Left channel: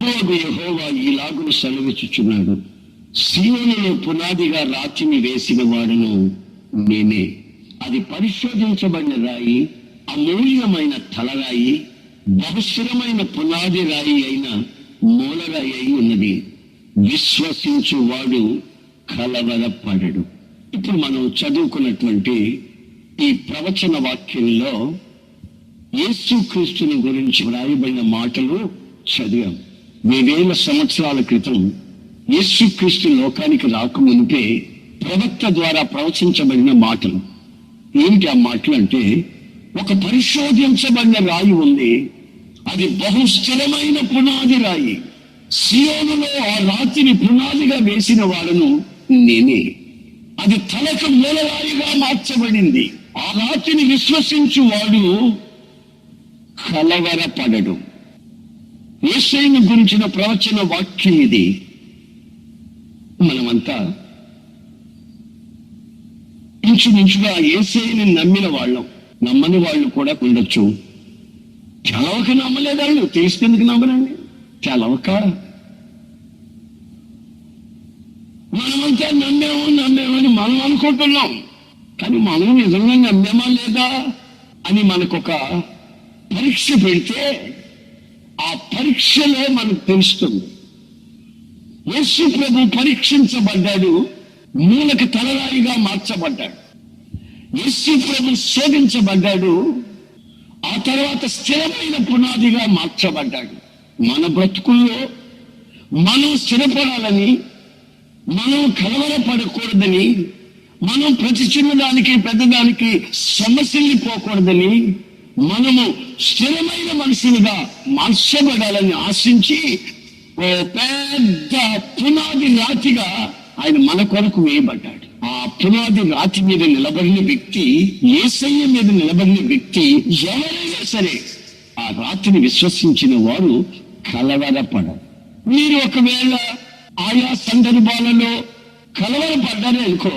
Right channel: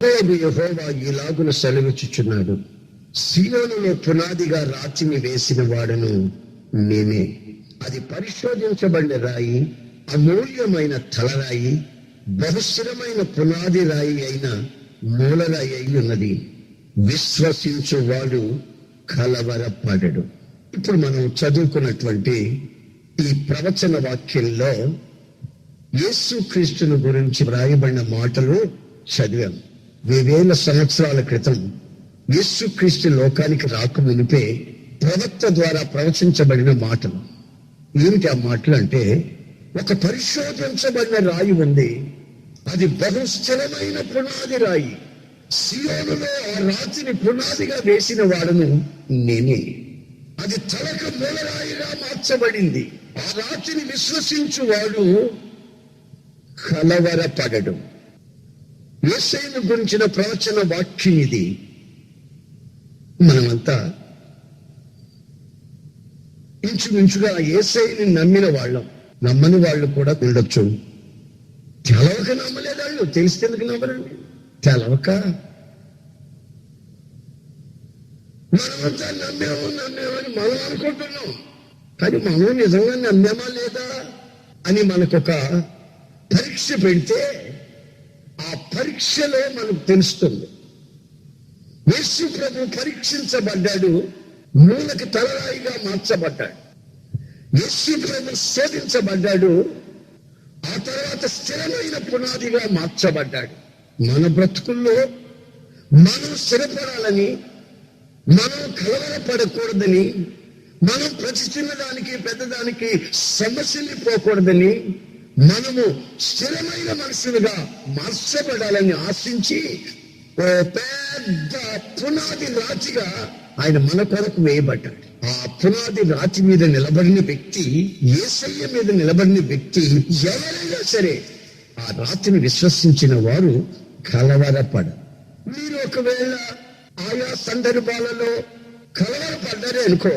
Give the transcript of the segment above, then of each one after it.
యెహోవా ఈలాగున సెలవిచ్చుచున్నాడు, సీయోనులో పునాదిగా రాతిని వేసిన వాడను నేనే. అది పరిశోధించబడిన రాయి, అమూల్యమైన తలరాయి, బహుస్థిరమైన పునాది రాయి అయిన మూలరాయి అయి ఉన్నది. విశ్వసించువాడు కలవరపడడు. ఇప్పుడు మనం చదువుకున్నటువంటి ఈ ప్రవచన వాక్యంలో యేసుక్రీస్తుని గురించి వ్రాయబడిన మాటలు చదివాం. 2000 సంవత్సరాల క్రితం యేసుక్రీస్తు లోకానికి రాకమునిపే ప్రవక్త ద్వారా ప్రవచించబడిన మాటలు. ఏమిటి ఆ మాటలు అంటే, ఒక పరిశోధించబడిన రాయి ఉంది, అది బహుస్థిరమైన పునాది రాయి. సీయోనులో ఆ రాతిని పునాదిగా వేసిన వాడును నేనే. అది తలకు మూలరాయిగా మార్చబడింది. ఆ రాతిని విశ్వసించువాడు కలవరపడడు. యేసయ్యను గురించిన ప్రవచన వాక్యం ఇది. మనమంతా ఇంచుమించుగా యేసయ్యని నమ్మిన వాళ్ళం. నమ్మని వాళ్ళు కూడా ఉండొచ్చు. తెలవక నమ్మలేదు వాళ్ళు, తెలిస్తేందుకు నమ్మరండి? తెలవక మనమంతా నమ్మేమని మనం అనుకుంటున్నాం. కానీ మనం నిజంగా నమ్మేమా లేదా అని మనకొక పరీక్ష పెడితే ఆ పరీక్షలో మనకు తెలుస్తుంది. యేసు ప్రభు పరీక్షించబడ్డాడు, మూలకి తలరాయిగా మార్చబడ్డాడు. యేసు ప్రభు శోధించబడ్డాడు, ఆ తర్వాత స్థిరమైన పునాదిగా మార్చబడ్డాడు. మన బ్రతుకుల్లో మనం స్థిరపడాలని, మనం కలవరపడకూడదని, మనం ప్రతి చిన్నదానికి పెద్దదానికి సమస్యల్లిపోకూడదని, మనము స్థిరమైన మనుషులుగా మార్చబడాలని ఆశించి ఓ పెద్ద పునాది రాతిగా ఆయన మన కొరకు వేయబడ్డాడు. ఆ పునాది రాతి మీద నిలబడిన వ్యక్తి, యేసయ్య మీద నిలబడిన వ్యక్తి ఎవరైనా సరే ఆ రాతిని విశ్వసించిన వారు కలవరపడరు. మీరు ఒకవేళ ఆయా సందర్భాలలో కలవరపడ్డారే అనుకో,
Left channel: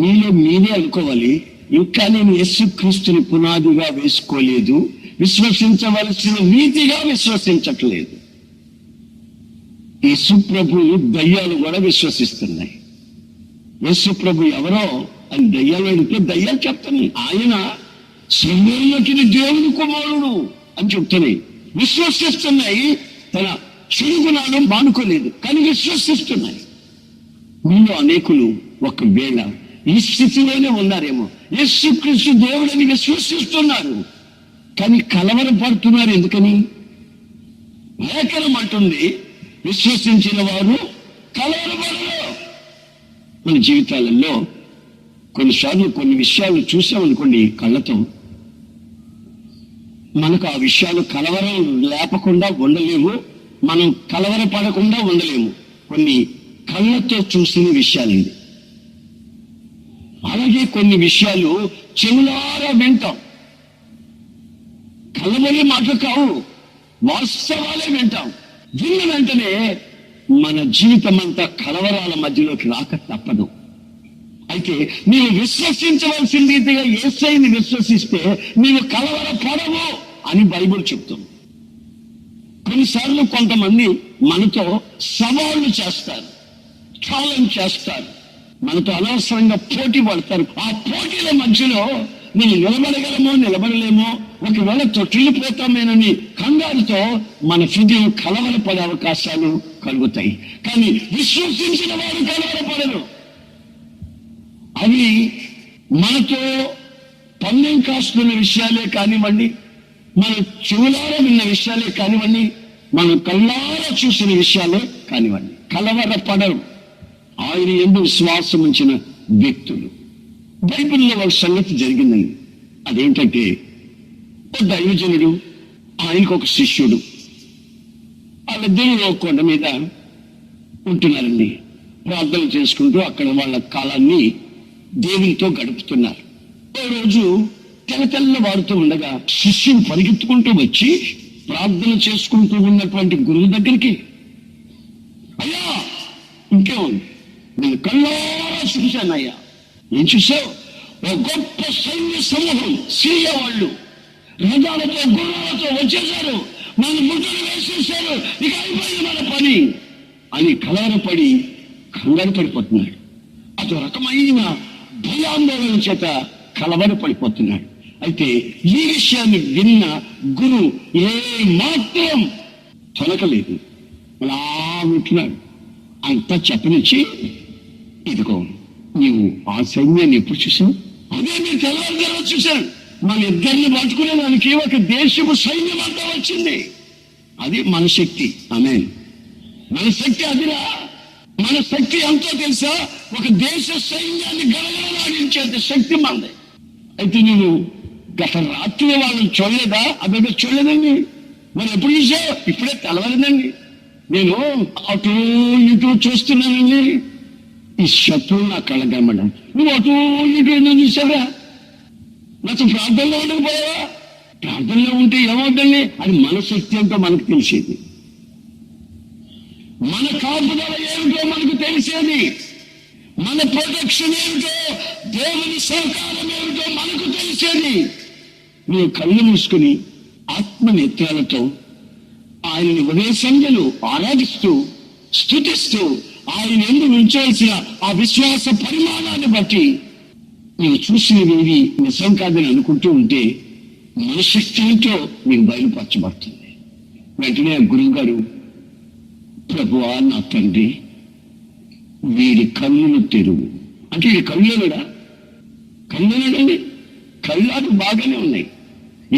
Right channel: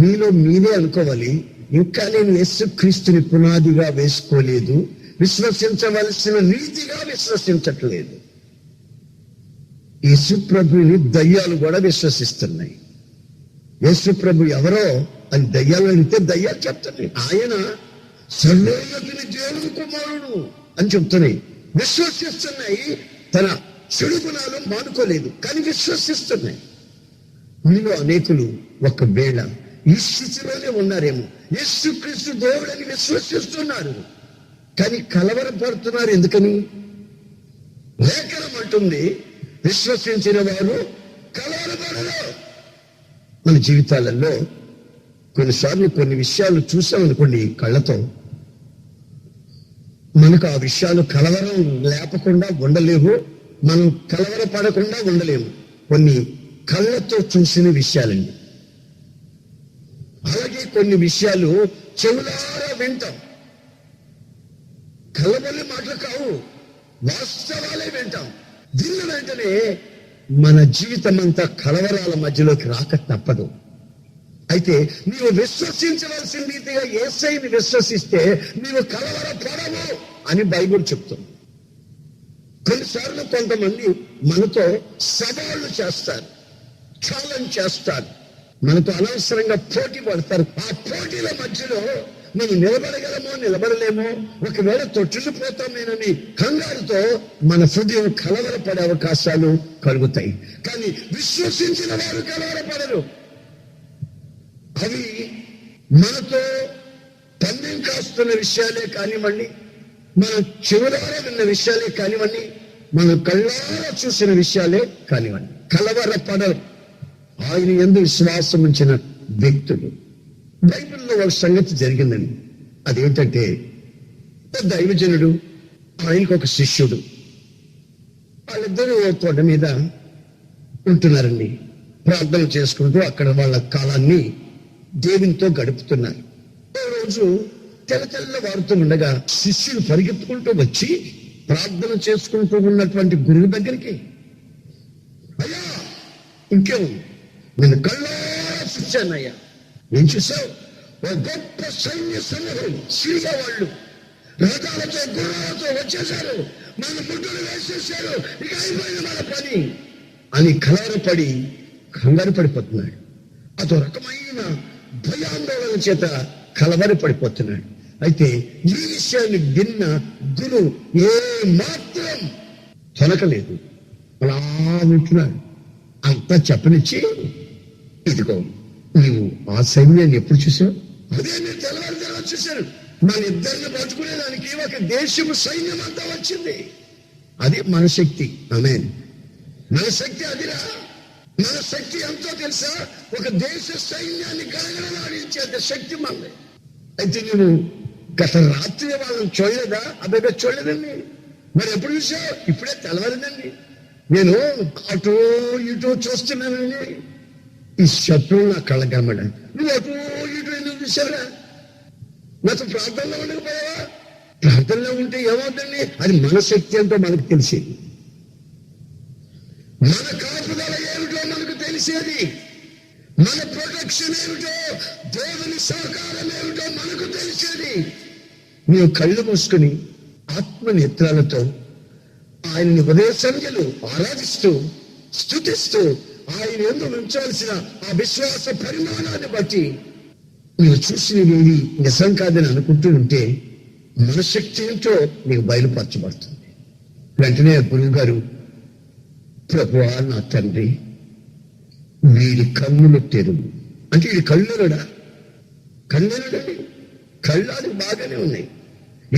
మీలో మీరే అనుకోవాలి, ఇంకా నేను యేసుక్రీస్తుని పునాదిగా వేసుకోలేదు, విశ్వసించవలసిన రీతిగా విశ్వసించట్లేదు. యేసు ప్రభుని దయ్యాలు కూడా విశ్వసిస్తున్నాయి. యేసు ప్రభు ఎవరో అని దయ్యాలు అడిగితే దయ్యాలు చెప్తున్నాయి, ఆయన సర్వోన్నతుని దేవుని కుమారుడు అని చెప్తున్నాయి. విశ్వసిస్తున్నాయి. తన చెడు గుణాలు మానుకోలేదు, కానీ విశ్వసిస్తున్నాయి. మీలో అనేకులు ఒకవేళ ఈ స్థితిలోనే ఉన్నారేమో. యేసుక్రీస్తు దేవుడని విశ్వసిస్తున్నారు, కానీ కలవరపడుతున్నారు. ఎందుకని? లేఖనం అంటుంది, విశ్వసించిన వారు కలవరపడరు. మన జీవితాలలో కొన్నిసార్లు కొన్ని విషయాలు చూసామనుకోండి కళ్ళతో, మనకు ఆ విషయాలు కలవరం లేపకుండా ఉండలేము, మనం కలవరపడకుండా ఉండలేము. కొన్ని కళ్ళతో చూసిన విషయాలండి. అలాగే కొన్ని విషయాలు చెవులారా వింటాం. కళ్ళబొల్లి మాటలు కావు, వాస్తవాలే వింటాం. విన్న వెంటనే మన జీవితం అంతా కలవరాల మధ్యలోకి రాక తప్పదు. అయితే నీవు విశ్వసించవలసిన రీతిగా యేసయ్యని విశ్వసిస్తే నీవు కలవరపడవు అని బైబిల్ చెప్తుంది. కొన్నిసార్లు కొంతమంది మనతో సవాళ్లు చేస్తారు, ఛాలెంజ్ చేస్తారు, మనతో అనవసరంగా పోటీ పడతారు. ఆ పోటీల మధ్యలో మనం నిలబడగలమో నిలబడలేమో, ఒకవేళ తొట్టిల్లిపోతామేనని కంగారుతో మన హృదయం కలవరపడే అవకాశాలు కలుగుతాయి. కానీ విశ్వసించిన వారు కలవరపడరు. అవి మనతో పన్నెం కాస్తున్న విషయాలే కానివ్వండి, మన చెవులారా విన్న విషయాలే కానివ్వండి, మనం కళ్ళారా చూసిన విషయాలే కానివ్వండి, కలవరపడరు. ఆయన యందు విశ్వాసం ఉంచిన వ్యక్తులు. బైబిల్లో ఒక సంగతి జరిగిందండి. అదేంటంటే, దైవజనుడు, ఆయనకు ఒక శిష్యుడు, వాళ్ళిద్దరూ కొండ మీద ఉంటున్నారండి. ప్రార్థన చేసుకుంటూ అక్కడ వాళ్ళ కాలాన్ని దేవునితో గడుపుతున్నారు. ఓ రోజు తెల్లవారుతూ ఉండగా శిష్యుడు పరిగెత్తుకుంటూ వచ్చి ప్రార్థన చేసుకుంటూ ఉన్నటువంటి గురువు దగ్గరికి, అయ్యా, ఇంకేముంది, నేను కళ్ళారా చూశానయ్యా. ఏం చూసావు? ఓ గొప్ప సైన్య సమూహం, సిరియా వాళ్ళు రథాలతో గుర్రాలతో వచ్చేశారు, మన ముట్టలు వేసేసారు, ఇక అయిపోయింది మన పని అని కలవరపడి కంగారు పడిపోతున్నాడు. అదో రకమైన భయాందోళన చేత కలవరపడిపోతున్నాడు. అయితే ఈ విషయాన్ని విన్న గురు ఏ మాత్రం తొలకలేదు, అలా ఉంటున్నాడు. అంతా చెప్పనిచ్చి, ఇదిగో నీవు ఆ సైన్యాన్ని ఎప్పుడు చూసావు? అదే మీరు తెల్లవారు చూశారు. మన ఇద్దరిని పట్టుకునేదానికి ఒక దేశపు సైన్యం అంతా వచ్చింది. అది మన శక్తి. ఆమేన్. మన శక్తి అదిరా. మన శక్తి ఎంతో తెలుసా? ఒక దేశ సైన్యాన్ని గడగడలాడించేంత శక్తి మనది. అయితే నేను గత రాత్రి వాళ్ళని చూడలేదా? అబ్బాయి చూడలేదండి. మరి ఎప్పుడు చూసావు? ఇప్పుడే తెలవలేదండి. నేను అటు ఇటు చూస్తున్నానండి. ఈ శత్రువు నా కళ్ళ కనబడ్డా. నువ్వు అటు ఇటు ఎందుకు చూసావురా? నాతో ప్రార్థనలో ఉండకపోయావా? ప్రార్థనలో ఉంటే ఏమవుతుంది? అది మన శక్తి అంటూ మనకు తెలిసేది. మన కాపుదల ఏమిటో మనకు తెలిసేది. మన ప్రొటెక్షన్ ఏమిటో, దేవుని సహకారం ఏమిటో మనకు తెలిసేది. నువ్వు కళ్ళు మూసుకుని ఆత్మ నేత్రాలతో ఆయనని ఉదయ సంధ్యలు ఆరాధిస్తూ స్తుతిస్తూ ఆయన ఎందుకు ఉంచాల్సిన ఆ విశ్వాస పరిమాణాన్ని బట్టి నువ్వు చూసినవి నిజం కాదని అనుకుంటూ ఉంటే మన శక్తి ఏంటో నీకు బయలుపరచబడుతుంది. వెంటనే గురువు గారు, ప్రభువా నా తండ్రి, వీడి కన్నులు తెరువు అంటే, ఇది కళ్ళుడా? కళ్ళుడండి. కళ్ళాడు బాగానే ఉన్నాయి.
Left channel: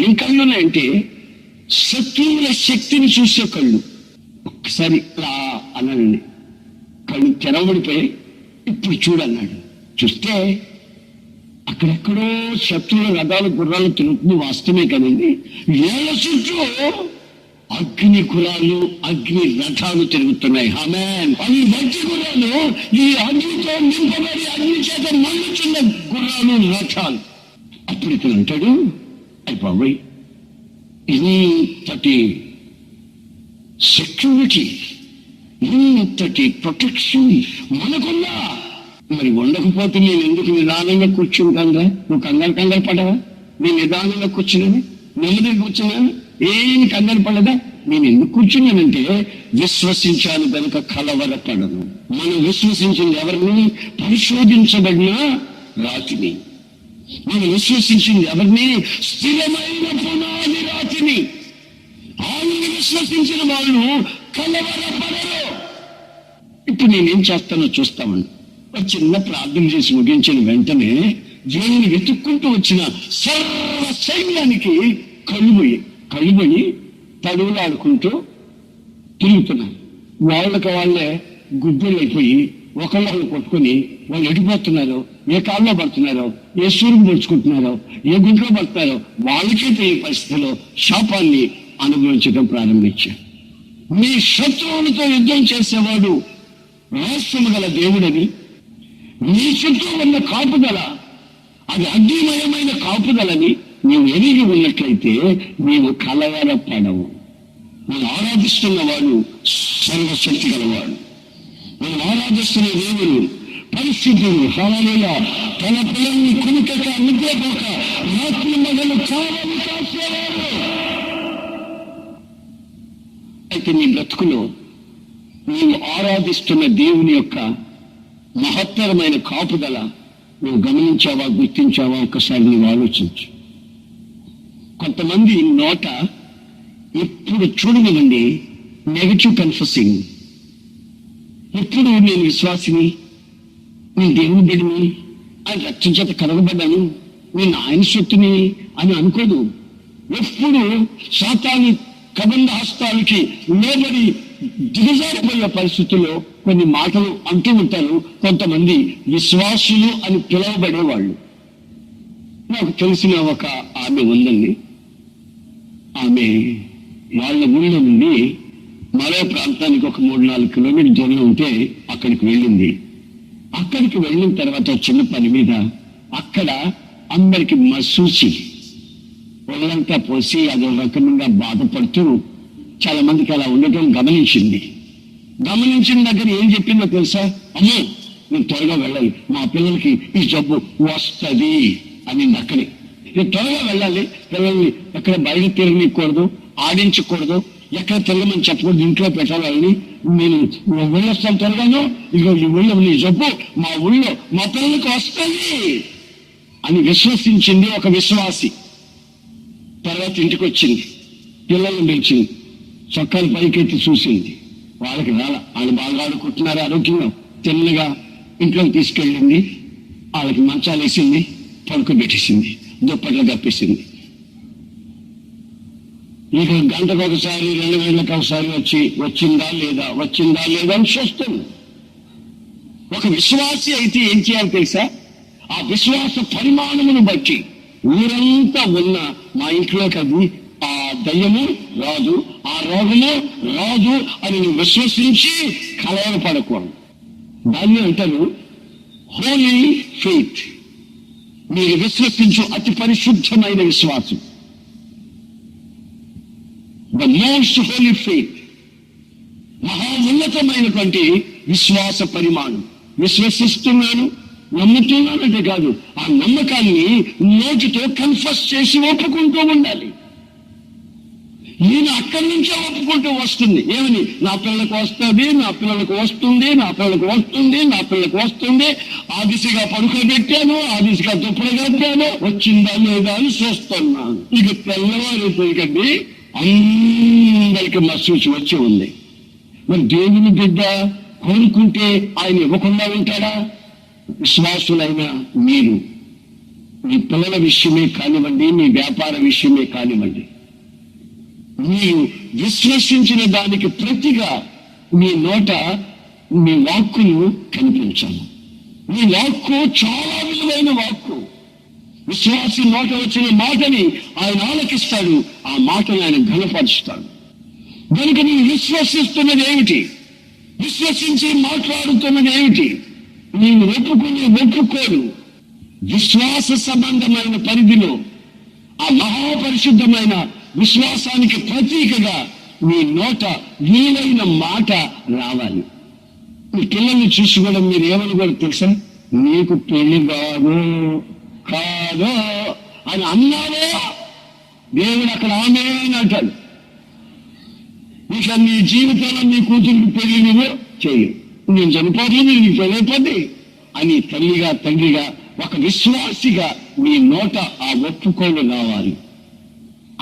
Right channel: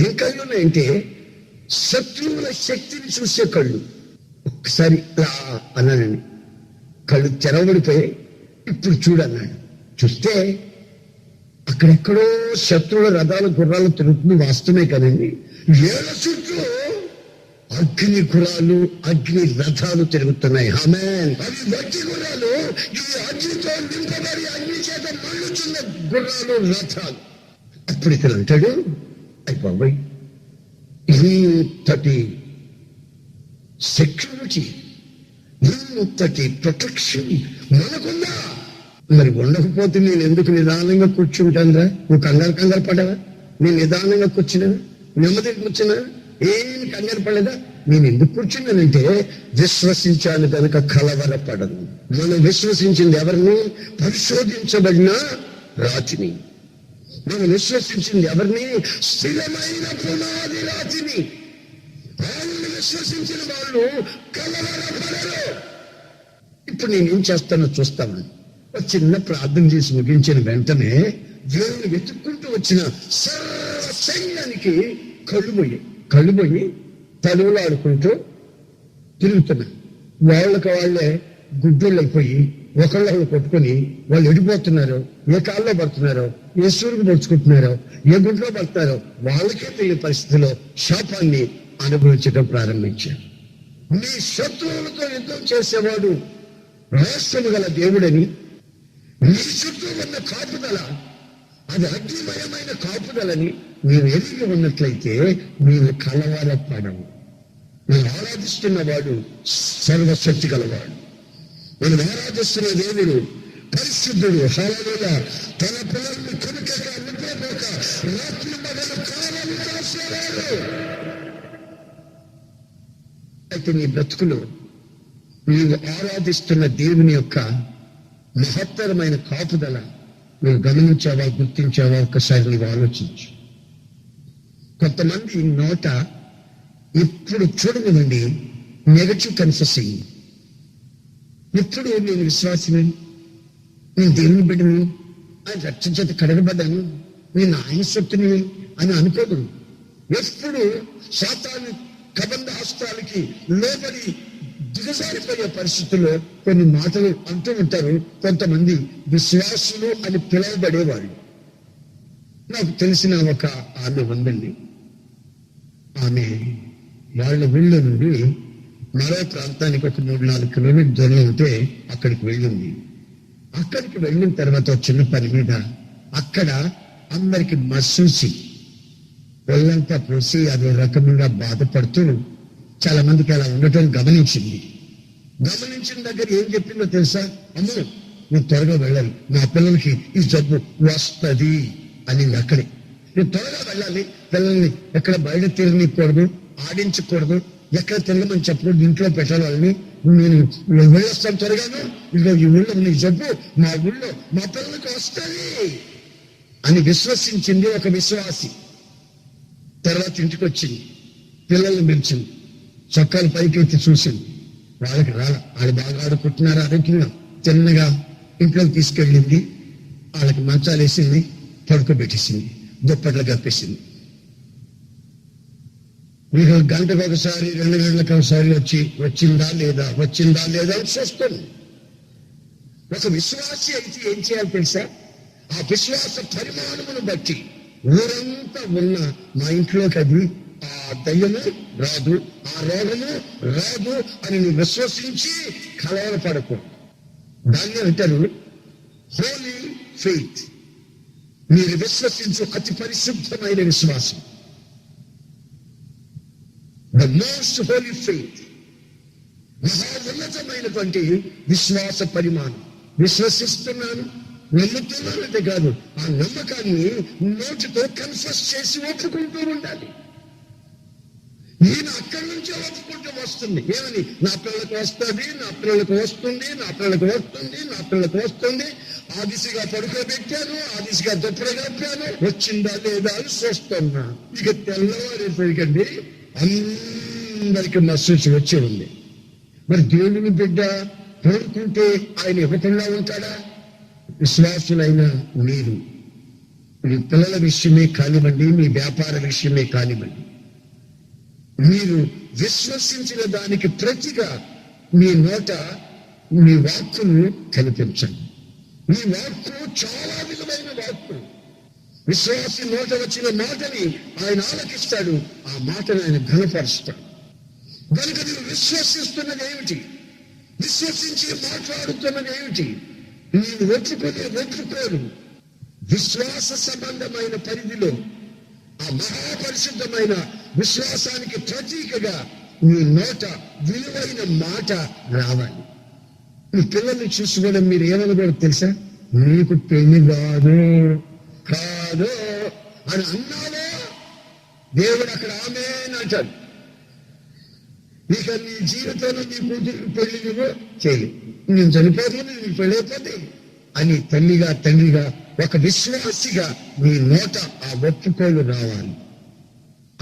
ఏం కళ్ళు ఉన్నాయంటే శత్రువుల శక్తిని చూసే కళ్ళు. ఒక్కసారి ఇలా అన్నానండి, కళ్ళు తెరవబడిపోయి ఇప్పుడు చూడన్నాడు. చూస్తే అక్కడెక్కడో శత్రువుల రథాలు గుర్రాలు తిరుగుతుంది, వాస్తవమే కదండి. వేల చుట్టూ అగ్ని గుర్రాలు అగ్ని రథాలు తిరుగుతున్నాయి. ఆమేన్. అవి వట్టి గుర్రాలు, ఈ అగ్నితో నింపబడి అగ్ని చేత మండుచున్న గుర్రాలు రథాలు. అప్పుడు ఇతను అంటాడు, అయిపోయి ఇంతటి సెక్యూరిటీ, ఇంతటి ప్రొటెక్షన్ మనకున్నా, మరి ఉండకపోతే నేను ఎందుకు నిదానంగా కూర్చుంటానురా? నువ్వు కంగారు పడవా? నేను నిదానంగా కూర్చున్నాను, నెమ్మదిగా కూర్చున్నాను, ఏమి కంగారు పడలేదా? నేను ఎందుకు కూర్చున్నానంటే విశ్వసించాను కనుక కలవరపడను. మనం విశ్వసించింది ఎవరిని? పరిశోధించబడిన రాతిని. మనం విశ్వసించింది ఎవరిని? స్థిరమైన పునాది రాతిని. ఆయనని విశ్వసించిన వాళ్ళు కలవరపడరు. ఇప్పుడు నేనేం చేస్తానో చూస్తామని ఒక చిన్న ప్రార్థన చేసి ముగించిన వెంటనే దేవుని వెతుక్కుంటూ వచ్చిన సర్వ సైన్యానికి కళ్ళు పోయి తడువులు ఆడుకుంటూ తిరుగుతున్నారు. వాళ్ళకి వాళ్ళే గుడ్డలు అయిపోయి ఒకళ్ళు కొట్టుకొని వాళ్ళు ఎడిపోతున్నారో, ఏ కాల్లో పడుతున్నారో, ఏ సూరుకు పొడుచుకుంటున్నారో, ఏ గుంట్లో పడుతున్నారో వాళ్ళకే తెలియని పరిస్థితిలో శాపాన్ని అనుభవించడం ప్రారంభించారు. మీ శత్రువులతో యుద్ధం చేసేవాడు రహస్యము గల దేవుడని, నీ చుట్టూ ఉన్న కాపుదల అది అగ్నిమయమైన కాపుదలని నీవు ఎరిగి ఉన్నట్లయితే నీవు కలవరపడవు. నేను ఆరాధిస్తున్న వాడు సర్వశక్తి గలవాడు. మనం ఆరాధిస్తున్న దేవుడు పరిశుద్ధుడు. హల్లెలూయా. తన పిల్లల్ని కునుకక నిద్రపోక రాత్రి మగలు కావలు కాసేవాడు. అయితే నీ బ్రతుకులో నీవు ఆరాధిస్తున్న దేవుని యొక్క మహత్తరమైన కాపుదల నువ్వు గమనించావా, గుర్తించావా? ఒక్కసారి నువ్వు ఆలోచించు. కొంతమంది నోట ఎప్పుడు చూడనివ్వండి నెగటివ్ కన్ఫెసింగ్. ఎప్పుడు నేను విశ్వాసిని, నేను దేవుని బిడ్డని, ఆయన రక్తం చేత కడగబడ్డాను, నేను ఆయన శక్తిని అని అనుకోదు. ఎప్పుడు సాతాను కబంధ హస్తాలకి లోబడి దిగజారిపోయే పరిస్థితుల్లో కొన్ని మాటలు అంటూ ఉంటారు కొంతమంది విశ్వాసులు అని పిలువబడేవాళ్ళు. నాకు తెలిసిన ఒక ఆమె ఉందండి. ఆమె వాళ్ళ ఊళ్ళో నుండి మరో ప్రాంతానికి ఒక 3-4 కిలోమీటర్ల దూరంలో ఉంటే అక్కడికి వెళ్ళింది. అక్కడికి వెళ్ళిన తర్వాత చిన్న పని మీద అక్కడ అందరికి మసూచి ఒళ్ళంతా పోసి అదో రకంగా బాధపడుతూ చాలా మందికి అలా ఉండటం గమనించింది. గమనించిన దగ్గర ఏం చెప్పిందో తెలుసా? అమ్మో, నేను త్వరగా వెళ్ళాలి, మా పిల్లలకి ఈ జబ్బు వస్తుంది అని అక్కడే. ఇక త్వరగా వెళ్ళాలి, పిల్లల్ని ఎక్కడ బయట తిరగనియకూడదు, ఆడించకూడదు, ఎక్కడ తిరగమని చెప్పకూడదు, ఇంట్లో పెట్టాలి వాళ్ళని. నేను వెళ్ళొస్తాను త్వరగాను, ఇదిగో ఈ ఊళ్ళో నీ చెప్పు, మా ఊళ్ళో మా పిల్లలకు వస్తుంది అని విశ్వసించింది ఒక విశ్వాసి. తర్వాత ఇంటికి వచ్చింది, పిల్లల్ని పిలిచింది, చొక్కాలు పైకెత్తి చూసింది, వాళ్ళకి రాల, వాళ్ళు బాగా ఆడుకుంటున్నారు ఆరోగ్యంగా, తిన్నగా ఇంట్లోకి తీసుకెళ్ళింది, వాళ్ళకి మంచాలు వేసింది, పడుకోబెట్టేసింది, దుప్పట్లు కప్పేసింది. ఇక గంటకు ఒకసారి 2 గంటలకు ఒకసారి వచ్చిందా లేదా అని చూస్తుంది. ఒక విశ్వాసి అయితే ఏం చేయాలి తెలుసా? ఆ విశ్వాస పరిమాణమును బట్టి ఊరంతా ఉన్న మా ఇంట్లోకి అది ఆ దయ్యము రాదు, ఆ రోగము రాదు అని విశ్వసించి కలవరపడకూడదు. దాన్ని అంటారు హోలీ ఫెయిత్. మీరు విశ్వసించు అతి పరిశుద్ధమైన విశ్వాసం, ద మోస్ట్ హోలీ ఫెయిత్, మహా ఉన్నతమైనటువంటి విశ్వాస పరిమాణం. విశ్వసిస్తున్నాను, నమ్ముతున్నానంటే కాదు, ఆ నమ్మకాన్ని నోటితో కన్ఫెస్ చేసి ఒప్పుకుంటూ ఉండాలి. ఈయన అక్కడి నుంచే ఒప్పుకుంటూ వస్తుంది. ఏమని? నా పిల్లలకు వస్తుంది, నా పిల్లలకు వస్తుంది, నా పిల్లలకు వస్తుంది, నా పిల్లలకు వస్తుంది. ఆ దిశగా పడుకోబెట్టాను, ఆ దిశగా దుప్పలు కట్టాను, వచ్చిందా లేదా అని చూస్తున్నాను. ఇక తెల్లవారేసరికండి అందరికి మసూచి వచ్చి ఉంది. మరి దేవుని బిడ్డ కోరుకుంటే ఆయన ఇవ్వకుండా ఉంటాడా? విశ్వాసులైన మీరు మీ పిల్లల విషయమే కానివ్వండి, మీ వ్యాపార విషయమే కానివ్వండి, మీరు విశ్వసించిన దానికి ప్రతిగా మీ నోట మీ వాక్కును కనిపించాలి. మీ వాక్కు చాలా విలువైన వాక్కు. విశ్వాసి నోట వచ్చిన మాటని ఆయన ఆలకిస్తాడు, ఆ మాటని ఆయన ఘనపరుస్తాడు. కనుక నువ్వు విశ్వసిస్తున్నది ఏమిటి? విశ్వసించి మాట్లాడుతున్నది ఏమిటి? నేను ఒప్పుకోడు విశ్వాస సంబంధమైన పరిధిలో ఆ మహాపరిశుద్ధమైన విశ్వాసానికి ప్రతీకగా నీ నోట వీలైన మాట రావాలి. మీ పిల్లల్ని చూసుకోవడం మీరు ఏమనుకోరు తెలుసా? నీకు పెళ్లి కాదు అని అన్నావో దేవుడు అక్కడ ఆమె అంటాడు. ఇక నీ జీవితంలో నీ కూతురికి పెళ్లి నువ్వు చేయలేవు, నేను చనిపోతుంది, నీకు పెళ్ళైపోద్ది అని తల్లిగా తండ్రిగా ఒక విశ్వాసిగా నీ నోట ఆ ఒప్పుకోలు రావాలి.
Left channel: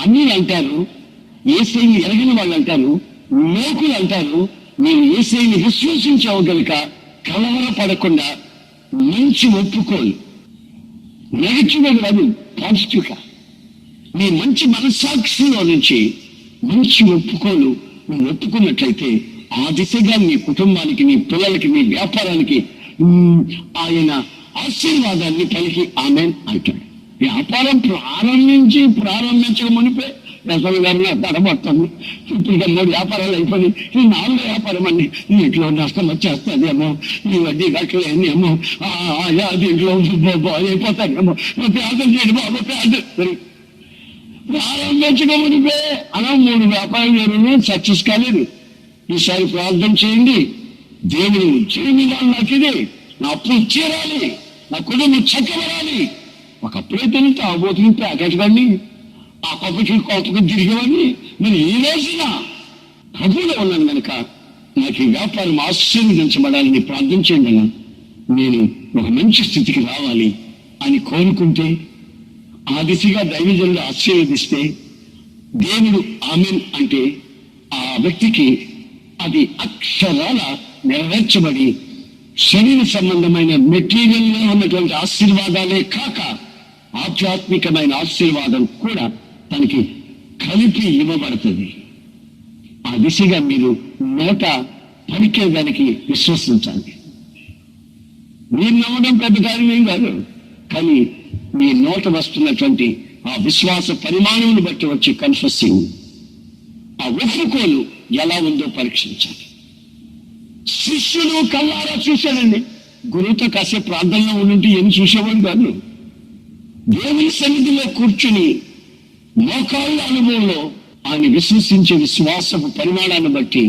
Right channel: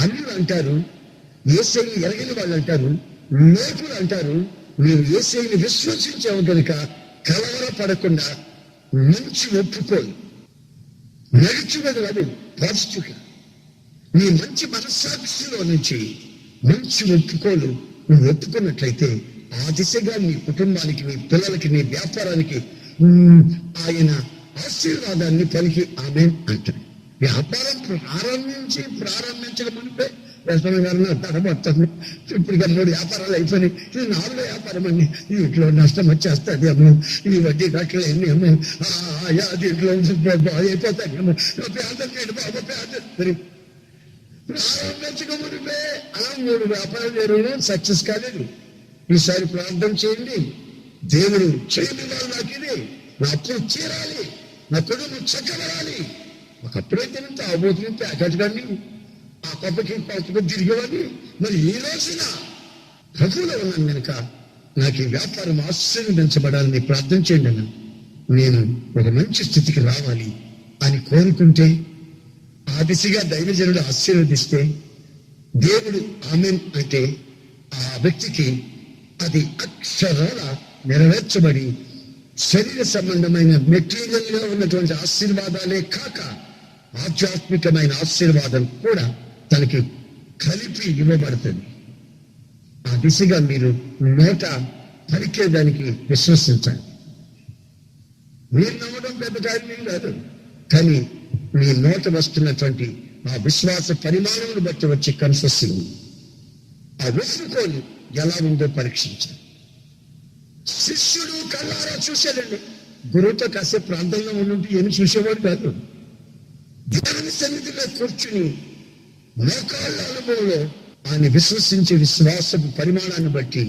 అన్ని అంటారు, యేసయ్యని ఎరగిన వాళ్ళు అంటారు, లోకులు అంటారు, నేను యేసయ్యని విశ్వసించావు కనుక కలవరపడకుండా మంచి ఒప్పుకోలు, నెగటివ్గా కాదు పాజిటివ్గా, నీ మంచి మనస్సాక్షిలో నుంచి మంచి ఒప్పుకోలు నువ్వు ఒప్పుకున్నట్లయితే ఆ దిశగా నీ కుటుంబానికి, నీ పిల్లలకి, నీ వ్యాపారానికి ఆయన ఆశీర్వాదాన్ని పలికి ఆమేన్ అంటాడు. వ్యాపారం ప్రారంభించక మునిపే యశ్వర గారు తడబడుతుంది. ఇప్పుడు 3 వ్యాపారాలు అయిపోయినాయి, ఈ 4వ వ్యాపారం అండి, ఇంట్లో నష్టం వచ్చేస్తుంది ఏమో, ఈ వడ్డీ కట్టలేని ఏమో, దీంట్లో అయిపోతానేమో, ప్రార్థన చేయండి బాబు, ప్రారంభించక మునిపే అలా 3 వ్యాపారాలు జరగడం సక్సెస్ కాలేదు. ఈసారి ప్రార్థన చేయండి, దేవుడు చేయని వాళ్ళు నాకు ఇది, నా అప్పులు తీరాలి, నా కుటుంబం చక్కబడాలి. ఒకప్పుడైతే తాగోతుని ప్యాకెట్ కానీ ఆ కొప్పకి తిరిగేవాడిని. మరి ఈ రోజున ప్రభువులో ఉన్నాను కనుక నాకు ఈ వ్యాపారం ఆశీర్వదించబడాలని ప్రార్థన చేయండి, నేను ఒక మంచి స్థితికి రావాలి అని కోరుకుంటే ఆ దిశగా దైవజనుడు ఆశీర్వదిస్తే దేవుడు ఆమేన్ అంటే ఆ వ్యక్తికి అది అక్షరాల నెరవేర్చబడి శరీర సంబంధమైన మెటీరియల్లో ఉన్నటువంటి ఆశీర్వాదాలే కాక ఆధ్యాత్మికమైన ఆశీర్వాదం కూడా తనకి కలిపి ఇవ్వబడుతుంది. ఆ దిశగా మీరు నోట పలికేదానికి విశ్వసించండి. మీరు నమ్మడం పెద్ద కార్యం ఏం కాదు, కానీ మీ నోట వస్తున్నటువంటి ఆ విశ్వాస పరిమాణమును బట్టి వచ్చే కన్ఫెసింగ్, ఆ ఒప్పుకోలు ఎలా ఉందో పరీక్షించాలి. శిష్యుడు కళ్ళారా చూశాడండి. గురువుతో కాసేపు ప్రార్థనలో ఉండి ఏమి చూసేవాడు కాదు. దేవుని సన్నిధిలో కూర్చుని మోకాళ్ళ అనుభవంలో ఆయన విశ్వసించే విశ్వాసపు పరిమాణాన్ని బట్టి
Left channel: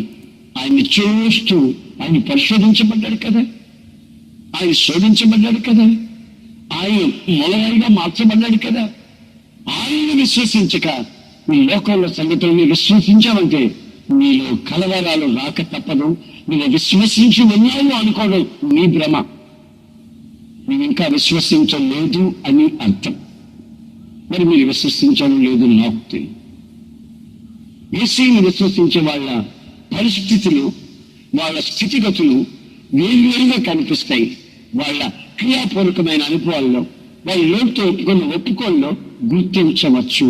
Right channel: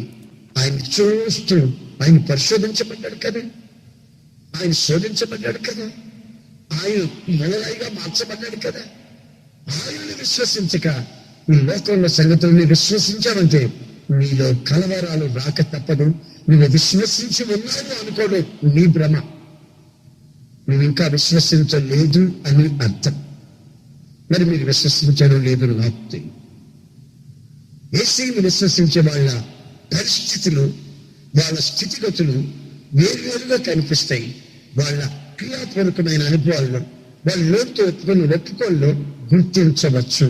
ఆయన్ని చూస్తూ ఆయన పరిశోధించబడ్డాడు కదా, ఆయన శోధించబడ్డాడు కదా, ఆయన మొదలైగా మార్చబడ్డాడు కదా. ఆయన్ని విశ్వసించక ఈ లోకంలో సంగతులను విశ్వసించావంటే నీలో కలవరాలు రాక తప్పదు. నువ్వు విశ్వసించి ఉన్నావు అనుకోవడం నీ భ్రమ. నువ్వు ఇంకా విశ్వసించలేదు అని అర్థం. మరి మీరు విశ్వసించారో లేదు నాకు తెలియదు. యేసుని విశ్వసించే వాళ్ళ పరిస్థితులు, వాళ్ళ స్థితిగతులు వేరువేరుగా కనిపిస్తాయి. వాళ్ళ క్రియాపూర్వకమైన అనుభవాల్లో, వాళ్ళ లోటుతో ఒప్పుకోల్లో గుర్తించవచ్చు.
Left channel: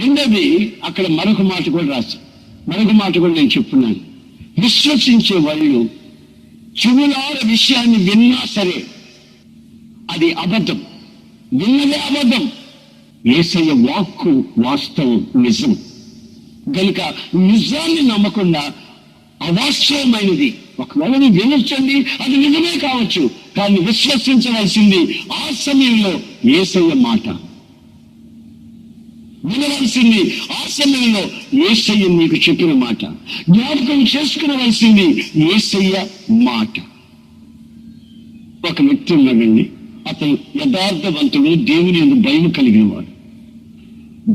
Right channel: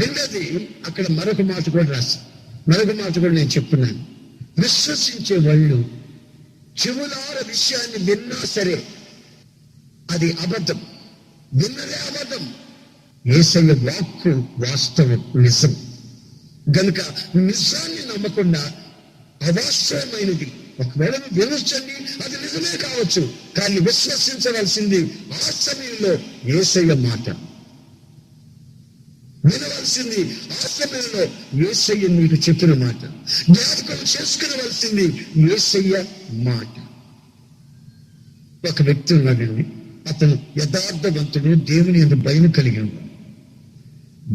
రెండోది, అక్కడ మరొక మాట కూడా నేను చెప్తున్నాను. విశ్వసించే వాళ్ళు చెవులార విషయాన్ని విన్నా సరే అది అబద్ధం, విన్నదే అబద్ధం. యేసయ్య వాక్కు వాస్తవం, నిజం గనుక నిజాన్ని నమ్మకుండా అవాస్తవమైనది ఒకవేళ నువ్వు వినొచ్చండి, అది నిజమే కావచ్చు, కానీ విశ్వసించవలసింది ఆ సమయంలో యేసయ్య మాట, వినవలసింది ఆ సమయంలో యేసయ్య నీకు చెప్పిన మాట, జ్ఞాపకం చేసుకునవలసింది యేసయ్య మాట. ఒక వ్యక్తి ఉన్నాడండి, అతను యథార్థవంతుడు, దేవుని యందు భయం కలిగిన వాడు.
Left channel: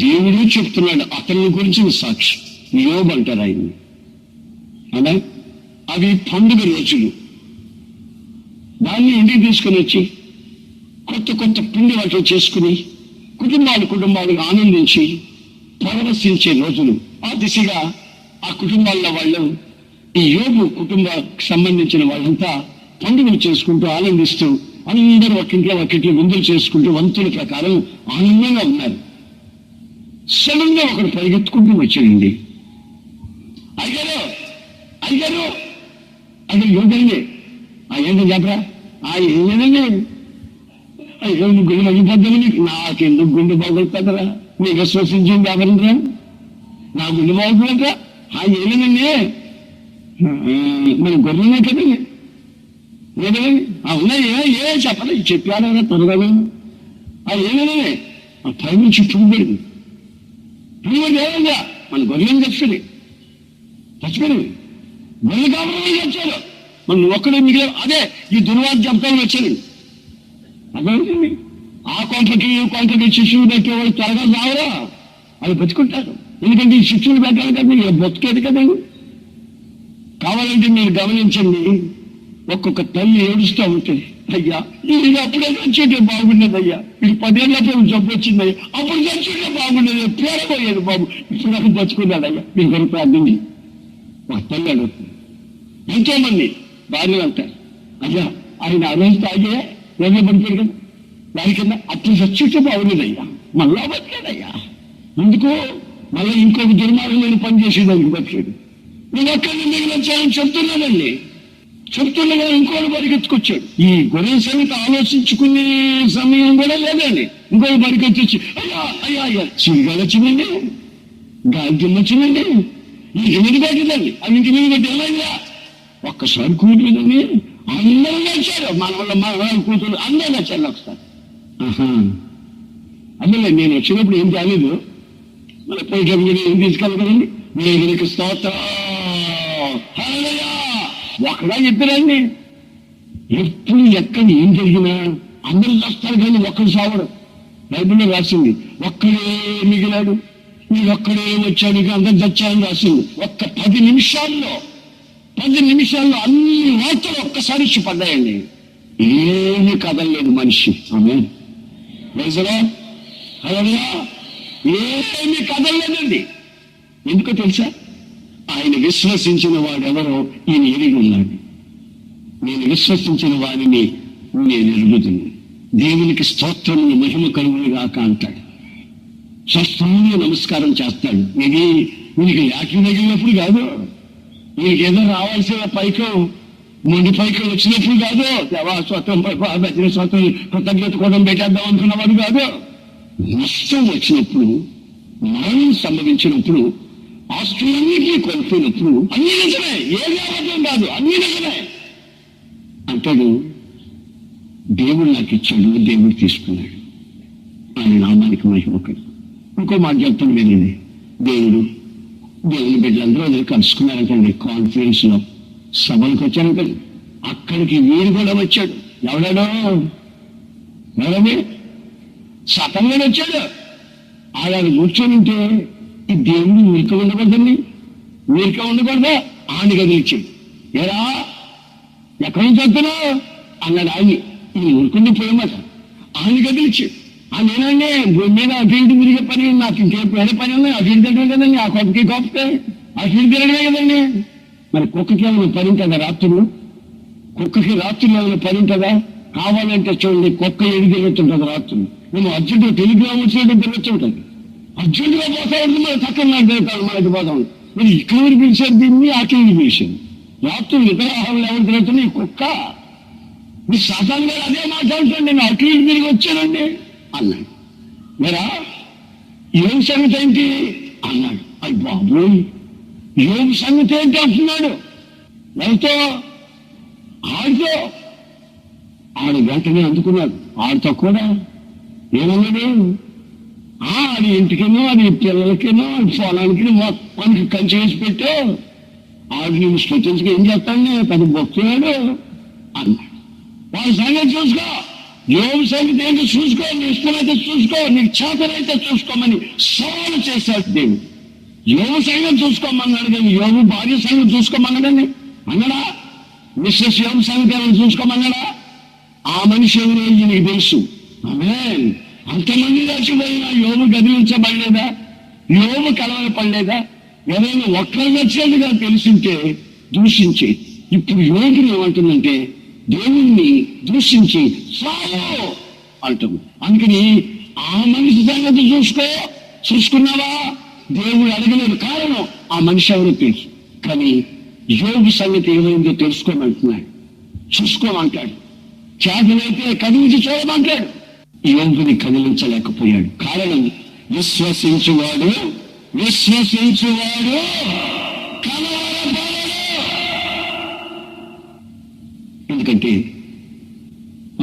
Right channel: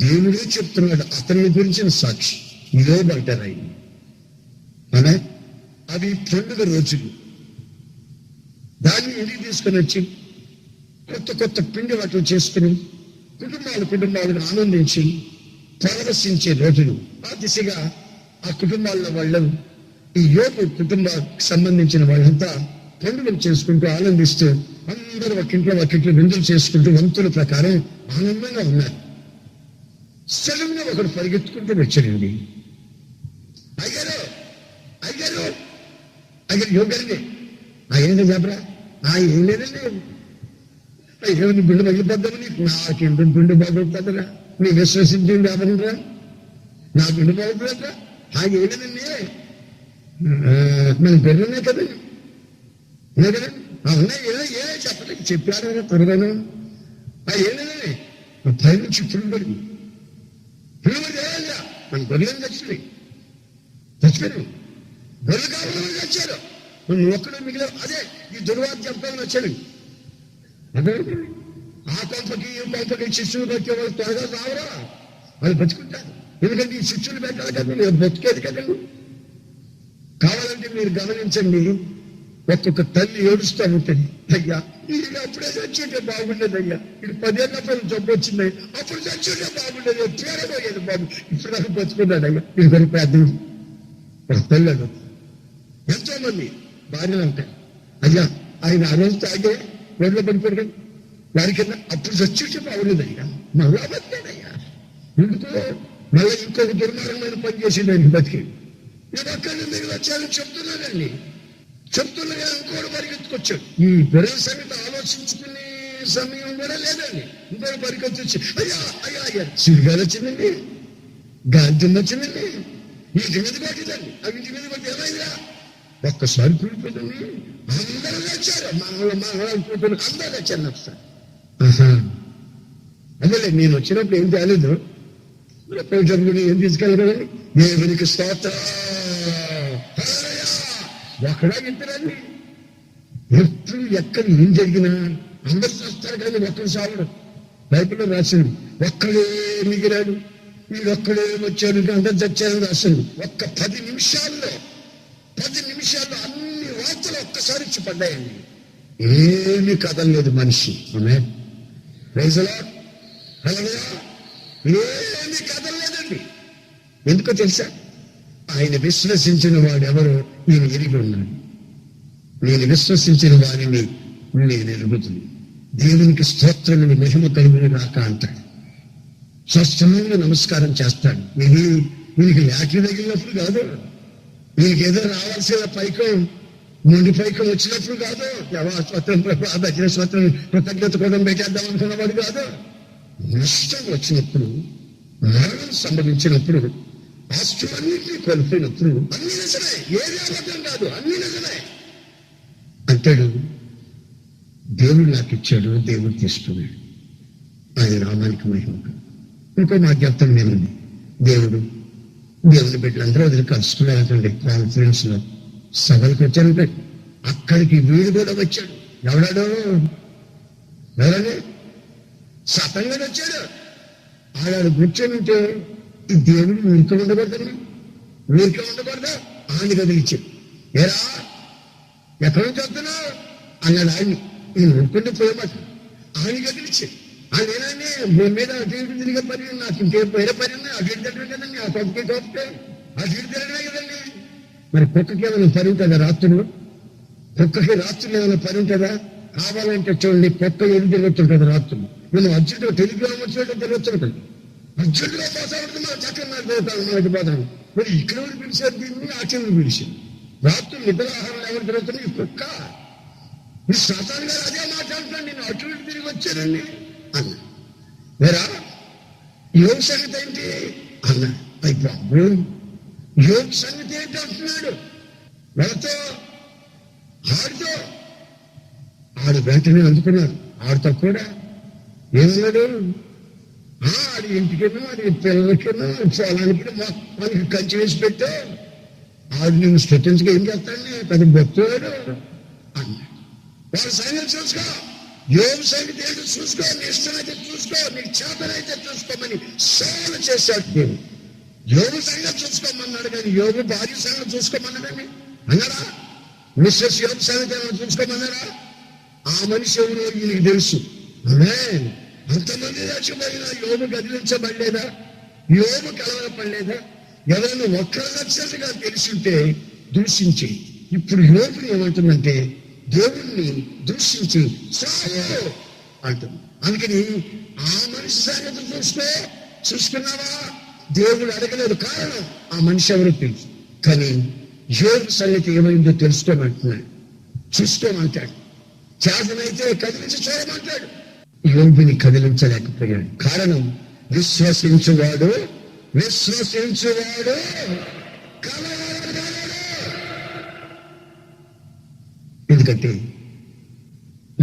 దేవుడు చెప్తున్నాడు అతని గురించిన సాక్షి. యోబు అంటారు ఆయన. అనే అవి పండుగ రోజులు. దాన్ని ఇంటికి తీసుకుని వచ్చి కొత్త పిండి వంటలు చేసుకుని కుటుంబాలు ఆనందించి పరవశించే రోజులు. ఆ దిశగా ఆ కుటుంబాల వాళ్ళు, ఈ యోబు కుటుంబానికి సంబంధించిన వాళ్ళంతా పండుగలు చేసుకుంటూ ఆనందిస్తూ అందరూ ఒక్కింట్లో విందులు చేసుకుంటూ వంతుల ప్రకారం ఆనందంగా ఉన్నారు. సడన్ గా ఒకడు పరిగెత్తుకుంటూ వచ్చాడండి. అయ్యారు అది యోగాన్ని ఏంటో చెప్పరా? ఏం లేదండి, అయ్యో నువ్వు గుండె మంగిపోద్దామని. నాకెందుకు గుండె బాగుంటుందరా? నీకు విశ్వసించింది ఎవరరా? నా గుండె బాగుంటుందంటరా? ఏం లేదండి, మన గొర్రెనే కదండి, ఏ కదండి. అవునా? ఏ చెప్పాలి, చెప్పారా త్వరగా? ఏం లేదండి, పై నుంచి పుడిపడింది ఏమైందా? మన గొర్రెలను చచ్చిపోయింది గొర్రెలు కావాలని వచ్చారు, మనం ఒక్కడే మిగిలిన. అదే ఈ దుర్వార్త జంపాలని వచ్చారండి. అర్థమైందండి. ఆ కొంపకి ఈ కొంపకి శిష్యులు పెట్టేవాళ్ళు త్వరగా రావరా? వాళ్ళు బతుకుంటారు. ఎందుకంటే ఈ శిష్యులు పెట్టాలి కదా, మీరు బతికేది కదండి. కావాలంటే మీరు గమనించండి, ఒక్కొక్క తల్లి ఏడుస్తూ ఉంటుంది. అయ్యా ఇది అప్పుడే చచ్చుంటే బాగుండేది, అయ్యా ఇది 10 ఏళ్ళప్పుడు జబ్బు వచ్చింది, అప్పుడు చచ్చుంటే బాగుండేది, పేరపోయాడు బాబు, ఇప్పుడు దాకా బతుకున్నాడు అయ్యా, మీరు కొరకు ప్రార్థించి. ఒక తల్లి అడుగుతుంది. ఎంతో మంది భార్యలు అంటారు, అయ్యా ఆయన ఆ రోజు తాగే ఎవరిలో పడిపోయాడు కదా దాని కింద, అప్పుడు చచ్చుంటే బాగుండేదయ్యా, మళ్ళా బతికాడయ్యా. ఎందుకు? మళ్ళీ ఇంకొక దుర్మార్గమైన పని చేసేదానికి బతికేది. నేను ఒక్కడిని మిగిలి వచ్చానని చెప్తున్నా ఇంకోటి పరిగెత్తుకొచ్చాడు. ఈ గొర్రెల సంగతి ఆలోచించుకునే సమయం కూడా లేదండి. ఇంకోటి పరిగెత్తిచ్చి అయ్యా చిరుగాలి వచ్చిందండి, గాలి వచ్చిందండి, ఇంటి మీద కొట్టిందండి, అది ఇంటి మీద కొట్టి ఏమైందా? ఒక్కసారి కూతురుందండి, అందరూ నచ్చారు, మన వాళ్ళ కూతురు అందరూ నచ్చారు ఒకసారి. అదేలే, నేను వచ్చినప్పుడు ఏం తేలేదు, మన పోయేటప్పుడు కూడా ఏం తీసుకెళ్ళి కదండి. దేవునికి స్తోత్రం. ఒకడా చెప్పారండి, ఎప్పుడు ఎక్కడ ఏం జరిగినా అందరూ చస్తారు కానీ ఒక్కడు సావడం. బైబిల్లో రాసింది, ఒక్కడే మిగిలాడు, వీడొక్కడే వచ్చాడు, అందరు చచ్చారని రాసింది. ఒక్క 10 నిమిషాల్లో అన్ని వార్తలు ఒక్కసారి ఇచ్చి పడ్డాయండి. ఏమీ కదలలేదు మనిషి. ఆమేన్, ప్రైజ్ ది లార్డ్, హల్లెలూయా. ఏమీ కదలలేదండి. ఎందుకో తెలుసా? ఆయన విశ్వసించిన వాడెవరో ఈయన ఎరిగి ఉన్నాడు. నేను విశ్వసించిన వారిని నేను ఎరుగుతున్నాను. దేవునికి స్తోత్రములు మహిమ కలుగును గాక అంటాడు. స్వస్థంగా నమస్కారం చేస్తాడు. వీనికి లాటరీ తగిలినప్పుడు కాదు, వీనికి ఏదో రావాల్సిన పైకం మొండి పైకం వచ్చినప్పుడు కాదు, స్వతంత్రం కృతజ్ఞత కూడా పెట్టేద్దాం అనుకున్నవాడు కాదు. నష్టం వచ్చినప్పుడు, మరణం సంభవించినప్పుడు, ఆస్తులన్నింటినీ కోల్పోయినప్పుడు అన్ని నిజమే, ఏది అబద్ధం కాదు, అన్ని నిజమే అంటాడు. దేవుడు నాకు ఇచ్చాడు, దేవుడు తీసుకున్నాడు, ఆయన నామానికి మహిమకడు. ఇంకో మాట చెప్తాను మిగిలింది. దేవుని బిడ్డలందరూ వదిలి కలుసుకున్నారంటండి. కాన్ఫరెన్స్ లో సభలకు వచ్చారంటండి. అక్కడికి వీడు కూడా వచ్చాడు. ఎవడని సతంగానే వచ్చాడు. ఆడ కూర్చొని ఉంటే ఈ దేవుడు ఊరిక ఉండకూడదండి, ఊరిక ఉండకూడదా? ఆని కదిలిచ్చాడు. ఏరా ఎక్కడి నుంచి వస్తున్నావు అన్నాడు. ఆని నేను ఊరుకుంటూ పోయమాట. ఆని కదిలిచ్చాడు. నేనండి భూమి మీద అటు ఇటు తిరిగే పని, నాకు ఇంకే వేరే పని ఉన్నాయి. అటు ఇటు తిరగడం కదండి, ఆ కుక్కకి కోపతే అటు ఇటు తిరగడమే కదండి. మరి కుక్కకి ఏమైనా పని ఉంటుందా రాత్రులు? కుక్కకి రాత్రులు ఏమైనా పని ఉంటుందా? కావాలంటే చూడండి, కుక్క ఎడి తిరుగుతుంటుంది రాత్రులు. మేము అర్జెంట్ టెలిగ్రామ్ వచ్చేటప్పుడు తిరుగుతుంటుంది. అర్జెంటుగా పోతా ఉంటుంది, మన చక్కగా నాకు తిరుగుతాడు, మనకి పోతా ఉంటుంది. మరి ఇక్కడ పిలిచారు దీన్ని, అట్లకి పిలిచారు. రాత్రులు నిద్రాహారంలో ఎవరు తిరుగుతున్నా ఈ కుక్క. మీరు సాధారణ గారు అదే మాట్లాడుతాను, నేను అటు ఇటు తిరిగి వచ్చానండి అన్నాడు. వేరా యోగ సంగతి ఏంటి అన్నాడు. అయ్యి బాబు, యోగ సంగతి ఏంటి అంటున్నాడు. ఎవరితో? ఆడితో. ఆడు వెంటనే అందుకున్నాడు. ఆడితో కూడా ఏమన్నాడు? అది ఇంటికేమో, అది పిల్లలకేమో, అది పొలానికి మొత్తానికి కంచి వేసి పెట్టు. ఆడు నేను స్థుతించగా ఏం చేస్తాను, పెద్ద భక్తుడు అన్నాడు. వాళ్ళ సంగతి చూసుకో, యోగ సంగతి ఏంటో చూసుకో, నీ ఇష్టమైతే చూసుకో, నీకు చేతనైతే చూసుకోమని సవాలు చేశాడు దేవుడు. యోగ సంగతి చూసుకోమన్నాడు కానీ యోగు భార్య సంగతి చూసుకోమన్నాడని అన్నాడా? మిస్సెస్ యోగ సంగతి ఏమైనా చూసుకోమన్నాడా? ఆ మనిషి ఎవరు నీకు తెలుసు. ఆమేన్. అంతమంది చచ్చిపోయినా యోగు కదిలించబడలేదా? యోగు కలవరపడలేదా? ఎవరైనా ఒక్కరు చచ్చేదిగా తెలిసింటే దూషించి, ఇప్పుడు యోగిని ఏమంటుందంటే దేవుణ్ణి దూషించి చాలు అంటుంది. అందుకని ఆ మనిషి సంగతి చూసుకున్నావా? దేవుడు అడగలేదు. కారణం ఆ మనిషి ఎవరో తెలుసు. కానీ యోగి సంగతి ఏమైందో తెలుసుకోమంటున్నాడు, చూసుకోమంటాడు. చేతనైతే కదిలించి చూడమంటాడు. యోగిని కదిలించలేకపోయాడు. కారణం విశ్వసించువాడు కలవరపడడు. ఎందుకంటే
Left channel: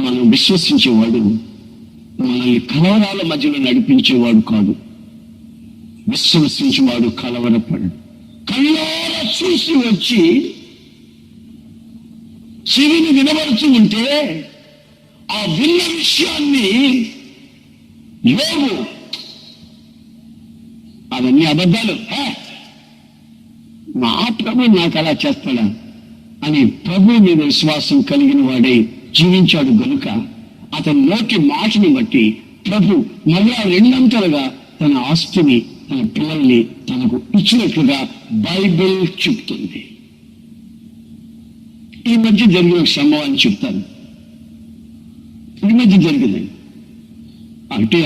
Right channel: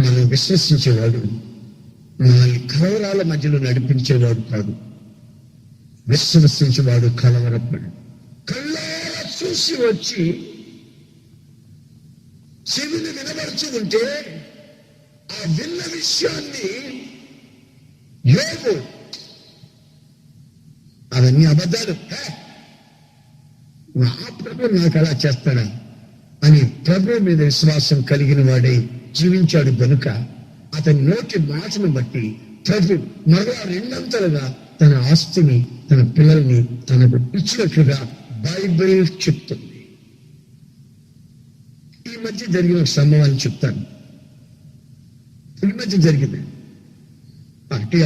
మనం విశ్వసించేవాడు మనల్ని కలవరాల మధ్యలో నడిపించేవాడు కాదు. విశ్వసించేవాడు కలవరపడు. కళ్ళారా చూసి వచ్చి చెవిని వినబడుతూ ఉంటే ఆ విన్న విషయాన్ని యోగు అవన్నీ అబద్ధాలు, మా ప్రభు నాకు అలా చేస్తాడా అని ప్రభు మీద విశ్వాసం కలిగిన వాడే జీవించాడు గనుక అతని నోటి మాటను బట్టి ప్రభు మరలా రెండంతలుగా తన ఆస్తిని, తన పిల్లల్ని తనకు ఇచ్చినట్లుగా బైబిల్ చెప్తుంది. ఈ మధ్య జరిగిన ఒక సంభవాన్ని చెప్తాను. ఈ మధ్య జరిగిందండి. అంటే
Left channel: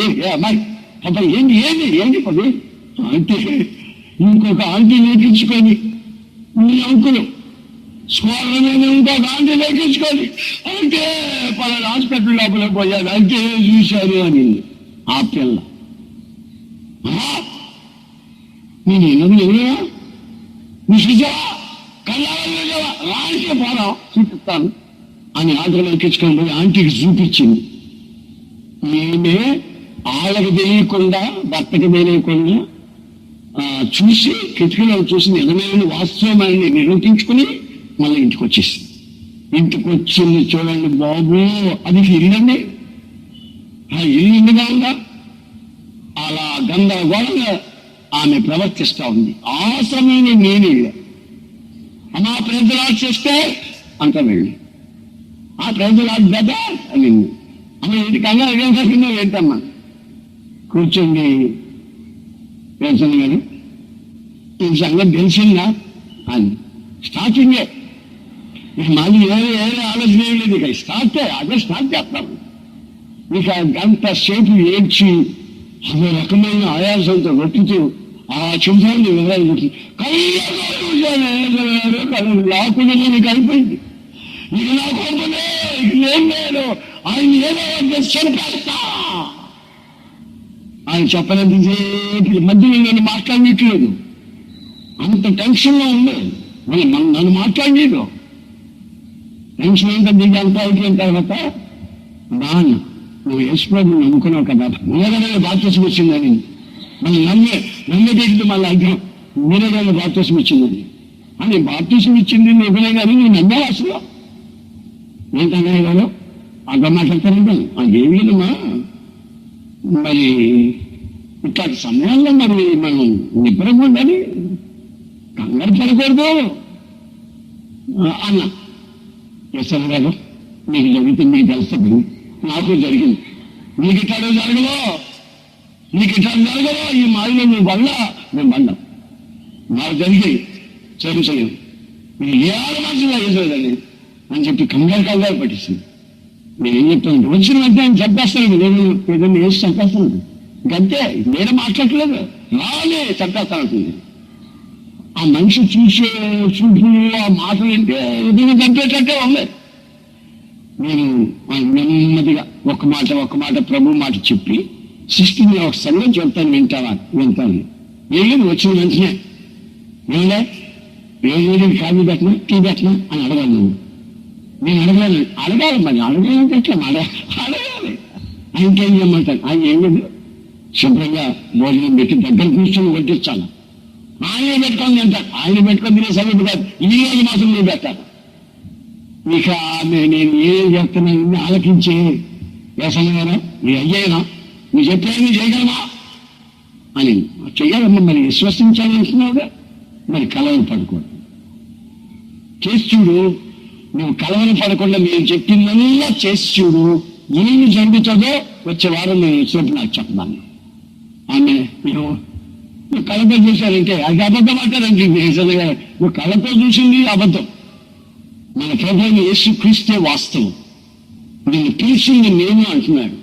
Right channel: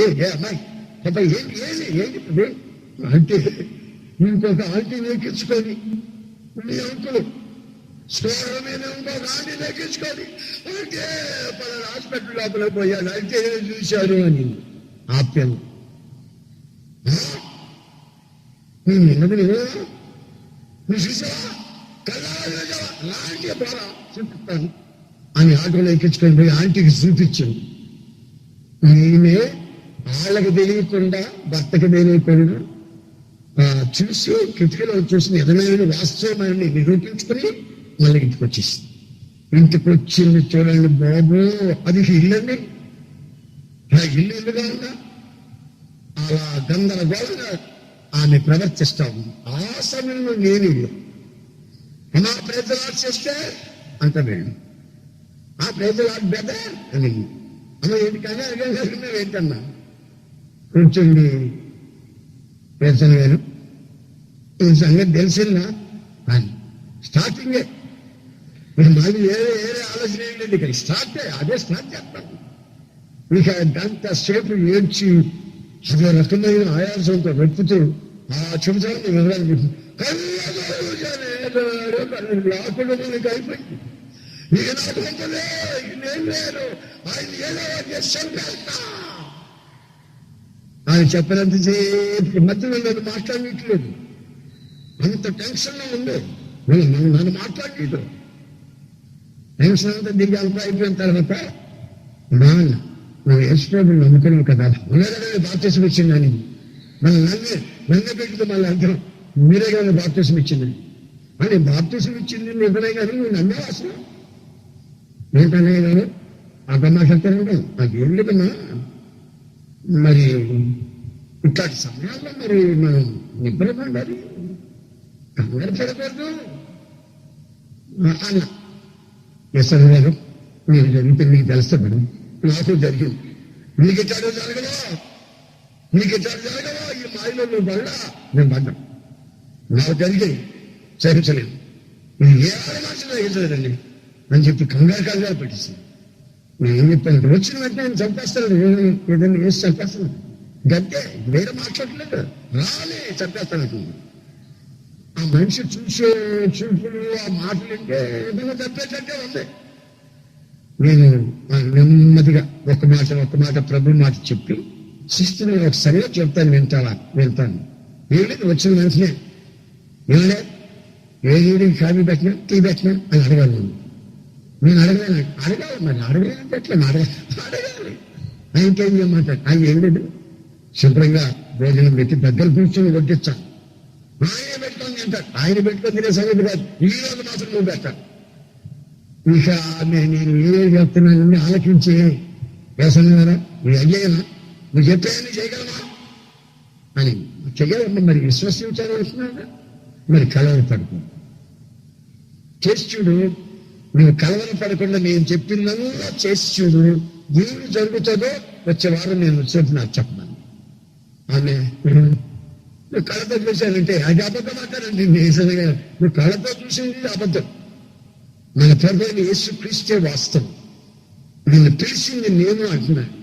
ఏ అమ్మాయి పాప ఏంటి పది అంటే ఇంకొక ఆంటీ లేకించుకొని, మీ అంకులు స్కోర్ల మీద ఇంకొక ఆంటీ లేకించుకొని అంటే పలానా హాస్పిటల్ లోపల పోయాను అంటే చూశాను అని ఆ పిల్ల. నేను ఎన్నది లేదా నువ్వు చూసావా, కళ్ళారా చూసావా, ఆంటీ పోరా చూపిస్తాను అని ఆటోలో ఎక్కించుకొని పోయి ఆంటీకి చూపించింది. నేనే వాళ్ళకి తెలియకుండా, భర్తకి తెలియకుండా చూసి కిటికీలో చూసి నిజమైన వాస్తవమని నిరూపించుకుని మళ్ళీ ఇంటికి వచ్చేసింది. ఇంటికి వచ్చింది చూడండి బాబు, అది ఇల్లండి, ఇల్లుగా ఉందా? అలా గందరగోళంగా ఆమె ప్రవర్తిస్తూ ఉంది. ఆ సమయంలో నేను అమ్మా ప్రజలు చేస్తే అంట వెళ్ళి ఆ ప్రజలు బెదర్ అని అమ్మ ఏంటి కంగారు ఏంటమ్మా కూర్చోండి పెన్షన్ గారు, ఈ సంగతి తెలిసిందా అని స్టార్టింగే. మీకు మళ్ళీ ఏదే ఆలోచన ఏం లేదు, ఇక అదే స్టార్ట్ చేస్తాం. ఇక గంట సేపు ఏడ్చి అదే రకమైన ఆయాసంతో వెతుకుతూ ఆ చెబుతాన్ని వివరాలు లాకుండా నీకు అయిపోయింది. ఇక నా కొంపలే, ఇక ఏం లేదు, ఆయన ఏదో చంపేస్తా ఆయన చెప్పలేంతసేపు మధ్యలో నేను మాట్లాడనట్లేదు. అంత టెన్షన్లో ఉంది. నన్ను మాట్లాడలేదు. టెన్షన్ అంతా దిగి అంతా అయిపోయిన తర్వాత నాన్న నువ్వు యేసుప్రభువుని నమ్ముకున్నావు కదా, మీరే కదా బాప్తిసం వచ్చిందని, మళ్ళీ నన్నే పెట్టి మళ్ళీ అంటాం మీరే కదా బాప్తిసం ఇచ్చిందని. అని బాప్తిసం ఇచ్చింది నిజమే కానీ నువ్వు నమ్మావు అసలు ఏంటనే గారు అర్థం మాట్లాడతారంటే ఏం లేదమ్మా, మరి ఇట్లాంటి సమయాల్లో మరి మనం నిబ్బరంగా ఉండాలి, కంగారు పడకూడదు అన్న. ఎస్ఆర్ గారు మీకు జరిగితే మీకు తెలుస్తుంది, నాకు జరిగింది. మీకు ఇట్లాడు జరగవో, మీకు ఇట్లాడు జరగవో, ఈ మాయలో నువ్వు వల్ల మేము పడ్డాం, నాకు జరిగాయి, సహించలేము, ఇది ఏ ఆడమాసంగా చేసేదండి అని చెప్పి కంగారు పట్టిస్తుంది. నేను ఏం చెప్పాను, వచ్చిన వెంటనే ఆయన చంపేస్తాను, నేను ఏదైనా వేసి చంపేస్తాను, గంతే, వేరే మాట్లాడలేదు, రాలే చంపేస్తానంటుంది. ఆ మనిషి చూసే చూపులు, ఆ మాటలు అంటే ఏదైనా చంపేటట్టే ఉంది. నేను నెమ్మదిగా ఒక మాట ప్రభు మాట చెప్పి, సిస్టర్ని ఒక సంగతి చెప్తాను, వింటాను. వెళ్ళింది వచ్చిన వెంటనే, ఏమండే ఏది కాఫీ పెట్టినా టీ పెట్టినా అని అడగాలి నువ్వు. నేను అడగాలి మరి అడగాలంటే అడగాలి. ఆయనకేం చేయమంటాను, ఆయన ఏం లేదు, శుభ్రంగా భోజనం పెట్టి దగ్గర కూర్చొని వడ్డించాను. ఆయనే పెట్టుకొని తింటాను, ఆయన పెట్టుకొని తినే సమీపం కాదు, ఈ రోజు మాత్రం నువ్వు పెట్టాను. ఇక నేను ఏం చెప్తున్నానని ఆలకించి, వేసనగారా నీ అయ్యేనా, నువ్వు చెప్పేది చేయగలమా అని. చెయ్యాలమ్మా, మరి విశ్వసించాలంటున్నావుగా, మరి కలవరం పడకూడదు, చేసి చూడు. నువ్వు కలవరం పడకుండా నేను చెప్పిందల్లా చేసి చూడు, ఏమి జరుగుతుందో వచ్చే వారం నేను వచ్చినప్పుడు నాకు చెప్పమన్నా. ఆమె నువ్వు కళ్ళతో చూశానంటే అది అబద్ధం అంటారండి. నిజంగా నువ్వు కళ్ళతో చూసింది అబద్ధం, మన ప్రభువైన యేసుక్రీస్తే వాస్తవం. నిన్ను పిలిచింది నేను అంటున్నాడు.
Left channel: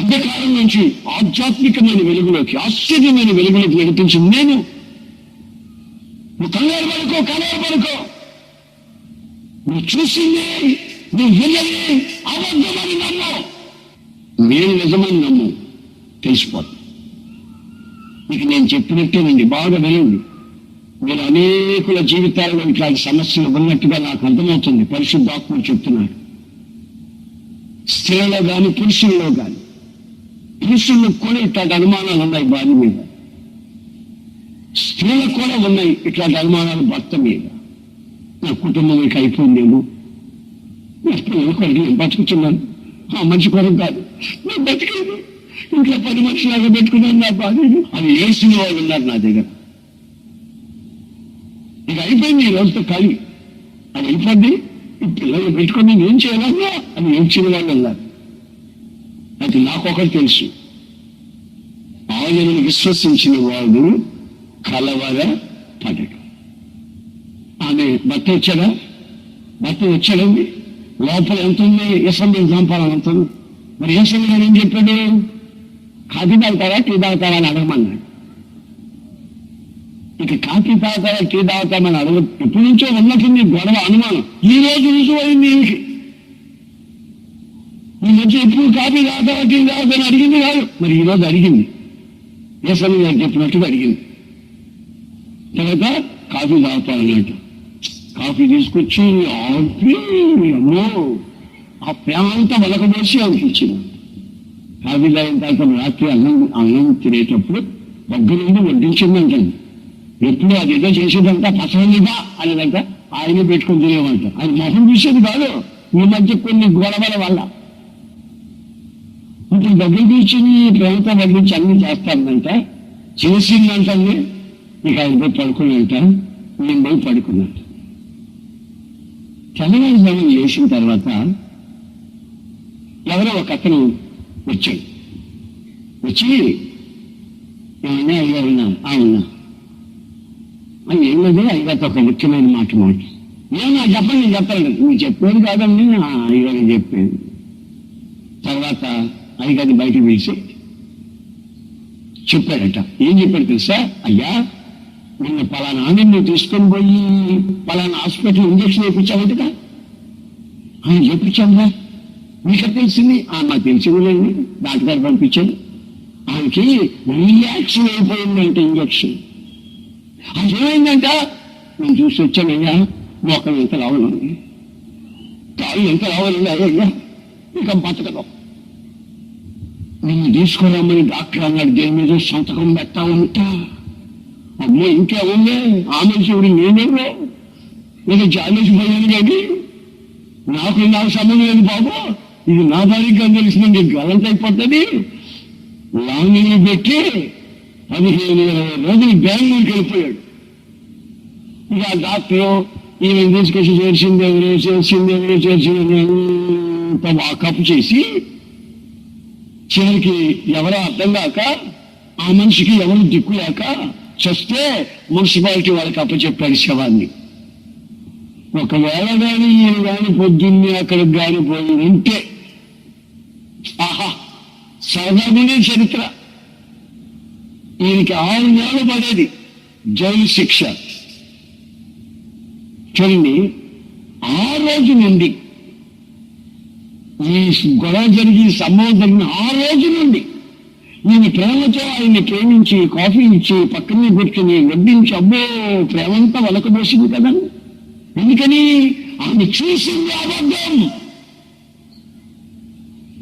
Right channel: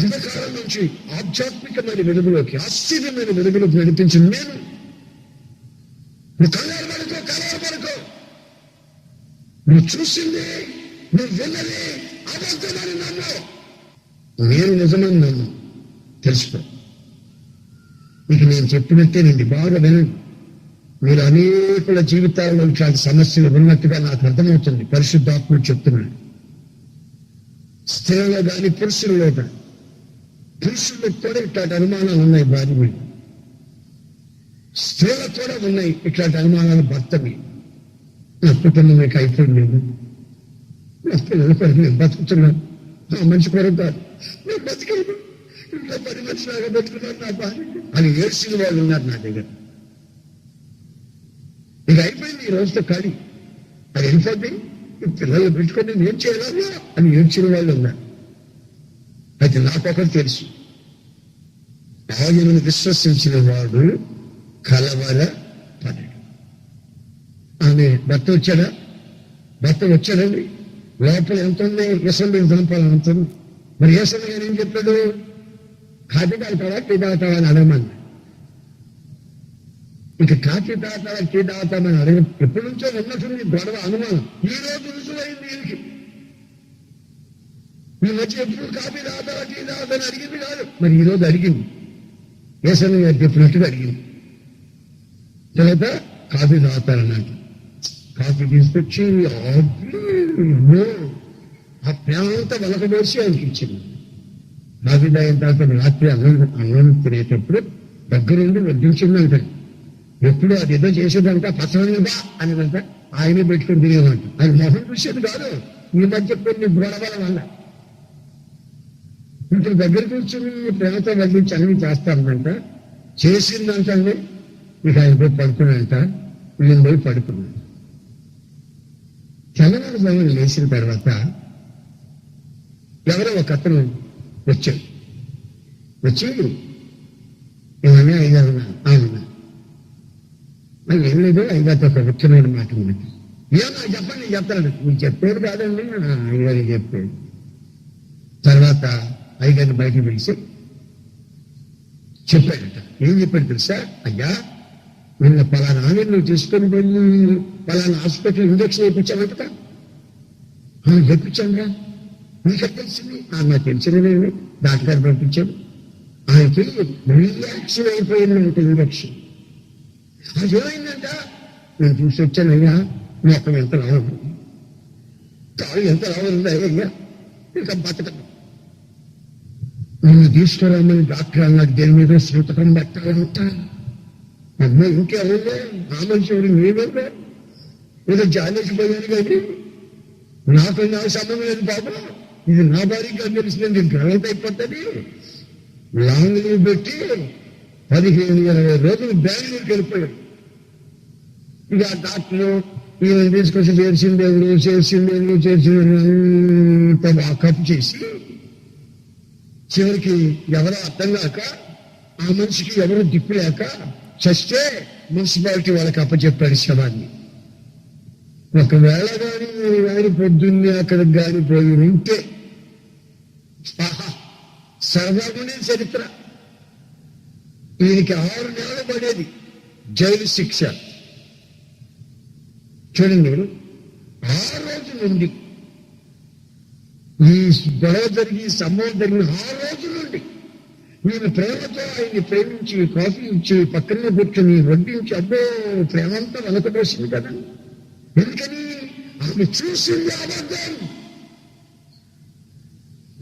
అంధకారం నుంచి ఆధ్యాత్మికమైన వెలుగులోకి, ఆశ్చర్యమైన వెలుగులోకి నడిపించింది నేను. నువ్వు కంగారు పడుకో, నువ్వు చూసింది, నువ్వు విన్నది అబద్ధమని నమ్ము, నేను నిజమని నమ్ము, తెలిసిపోతుంది. ఇక నేను చెప్పినట్టేనండి, బాగా వినండి. మీరు అనేకుల జీవితాల్లో ఇట్లాంటి సమస్యలు ఉన్నట్టుగా నాకు అర్థమవుతుంది. పరిశుద్ధాత్ముడు చెప్తున్నాడు. స్త్రీలలో కానీ పురుషుల్లో కానీ, పురుషులకు కూడా ఇట్లాంటి అనుమానాలు ఉన్నాయి భార్య మీద, స్త్రీలకు కూడా ఉన్నాయి ఇట్లాంటి అనుమానాలు భర్త మీద. నా కుటుంబం ఇక అయిపోయిందేమో, నా పిల్లల కొరకు నేను బతుకుతున్నాను, ఆ మనిషి కొరకు కాదు నేను బతికేది, ఇంట్లో 10 మనుషులాగా పెట్టుకున్నాను నా భార్యను అని ఏడ్చిన వాళ్ళు ఉన్నారు నా దగ్గర. ఇక అయిపోయింది, ఈ రోజుతో ఖాళీ, అది వెళ్ళిపోద్ది, ఈ పిల్లలు పెట్టుకొని నేను చేయాలన్నా అని ఏడ్చిన వాళ్ళు ఉన్నారు. అయితే నాకొకటి తెలుసు, ఆయనను విశ్వసించిన వాడు కలవరపడడు. ఆమె భర్త వచ్చాడండి, లోపల ఎంత ఉంది, ఎసంబిని చంపాలని అంత. మరి ఏసంబి గారు ఏం చెప్పాడు, కాఫీ తాగుతావా టీ తాగుతావా అని అడగమన్నాడు. ఇక కాఫీ తాగుతావా టీ తాగుతామని అడగ, ఎప్పటి నుంచో ఉన్నట్టుంది గొడవ, అనుమానం. ఈ రోజు రుజువైంది ఈమెకి. ఈ మధ్య ఎప్పుడు కాఫీ తాగుతావా టీ తాగుతావని అడిగింది కాదు, మరి ఈరోజు అడిగింది, ఏసంబి గారు చెప్పినట్టుగా అడిగింది. తర్వాత కాఫీ తాగుతారన్నట్టు కాఫీ తీసుకొచ్చి అమ్మో ఆ ప్రేమ అంతా వలకబోసి అనిపించింది. కాఫీ తాగిన తర్వాత రాత్రి అన్నం తినేటప్పుడు దగ్గరుండి వడ్డించిందంటండి. ఎప్పుడు అది ఏదో చేసేదంట, పచ్చనిదా అనేదంట, ఆయనే పెట్టుకొని తినేవంట. ఆయన మొహం చూసేది కాదు, ఈ మధ్య కొన్ని గొడవల వల్ల. ఇప్పుడు దగ్గరికి ఇచ్చింది ప్రేమతో వడ్డించి అన్ని చేస్తానంట, చేసిందంటండి. ఇక ఆయన పోయి పడుకున్నాంట, నేను పోయి పడుకున్నాను. తెల్లవారుజామున లేచిన తర్వాత ఎవరో ఒక అతను వచ్చాడు. వచ్చి ఏమన్నా అయ్యారున్నా ఉన్నా అని ఏం లేదు, అయ్యగారితో ఒక ముఖ్యమైన మాట ఏమన్నా చెప్పండి, నేను చెప్తాను. నువ్వు చెప్పేది కాదండి, అయ్యగారికి చెప్పేది. తర్వాత అయ్యగారిని బయటికి పిలిచి చెప్పాడట. ఏం చెప్పాడు తెలుసా, అయ్యా నిన్న పలానా నువ్వు తీసుకొని పోయి పలానా హాస్పిటల్ ఇంజక్షన్ వేయించావంటగా. చెప్పించాంగా, మీకు తెలిసింది. మాకు తెలిసింది లేదు, డాక్టర్ గారు పంపించాడు. ఆయనకి రియాక్షన్ అయిపోయిందంటే ఇంజక్షన్. అది ఏమైందంట, నేను చూసి వచ్చానయ్యా, మొక్కలు ఎంత లావున్నాయి, కాళ్ళు ఎంత లావున్నాయి అయ్యా, ఇంకా బతకడం. నిన్ను తీసుకురామని డాక్టర్ అన్నాడు, దేని మీద సంతకం పెట్టాలంట. అమ్మో ఇంకేముంది, ఆ మనిషి ఎవరు, నేనేమో ఏదో జాలేసిపోయాను కానీ నాకు సంబంధం లేదు బాబు, ఇది నా భార్యగా తెలిసింది, నేను గలంత అయిపోతుంది. లాంగ్లో పెట్టి 15-20 రోజులు బెంగళూరుకి వెళ్ళిపోయాడు. ఇక ఆ డాక్టరు ఈమె తీసుకొచ్చి చేర్చింది ఎవరు వాకప్ చేసి చివరికి ఎవరో అర్థం కాక ఆ మనిషికి ఎవరు దిక్కు లేక చస్తే మున్సిపాలిటీ వాళ్ళకి అప్పచెప్పాడు శవాన్ని. ఒకవేళ కానీ ఈయన కానీ పొద్దున్నే అక్కడికి కానీ పోయి ఉంటే ఆహా సరదాగుండే చరిత్ర. ఈయనకి 6 నెలలు పడేది జైలు శిక్ష. చూడండి, ఆ రోజు నుండి ఈ గొడవ జరిగి సంభవం జరిగిన ఆ రోజు నుండి ఈయన ప్రేమతో ఆయన్ని ప్రేమించి కాఫీ ఇచ్చి పక్కనే కూర్చొని వడ్డించి అబ్బో ప్రేమంతా వలకబోసింది కదా. ఎందుకని ఆమె చూసింది అబద్ధం.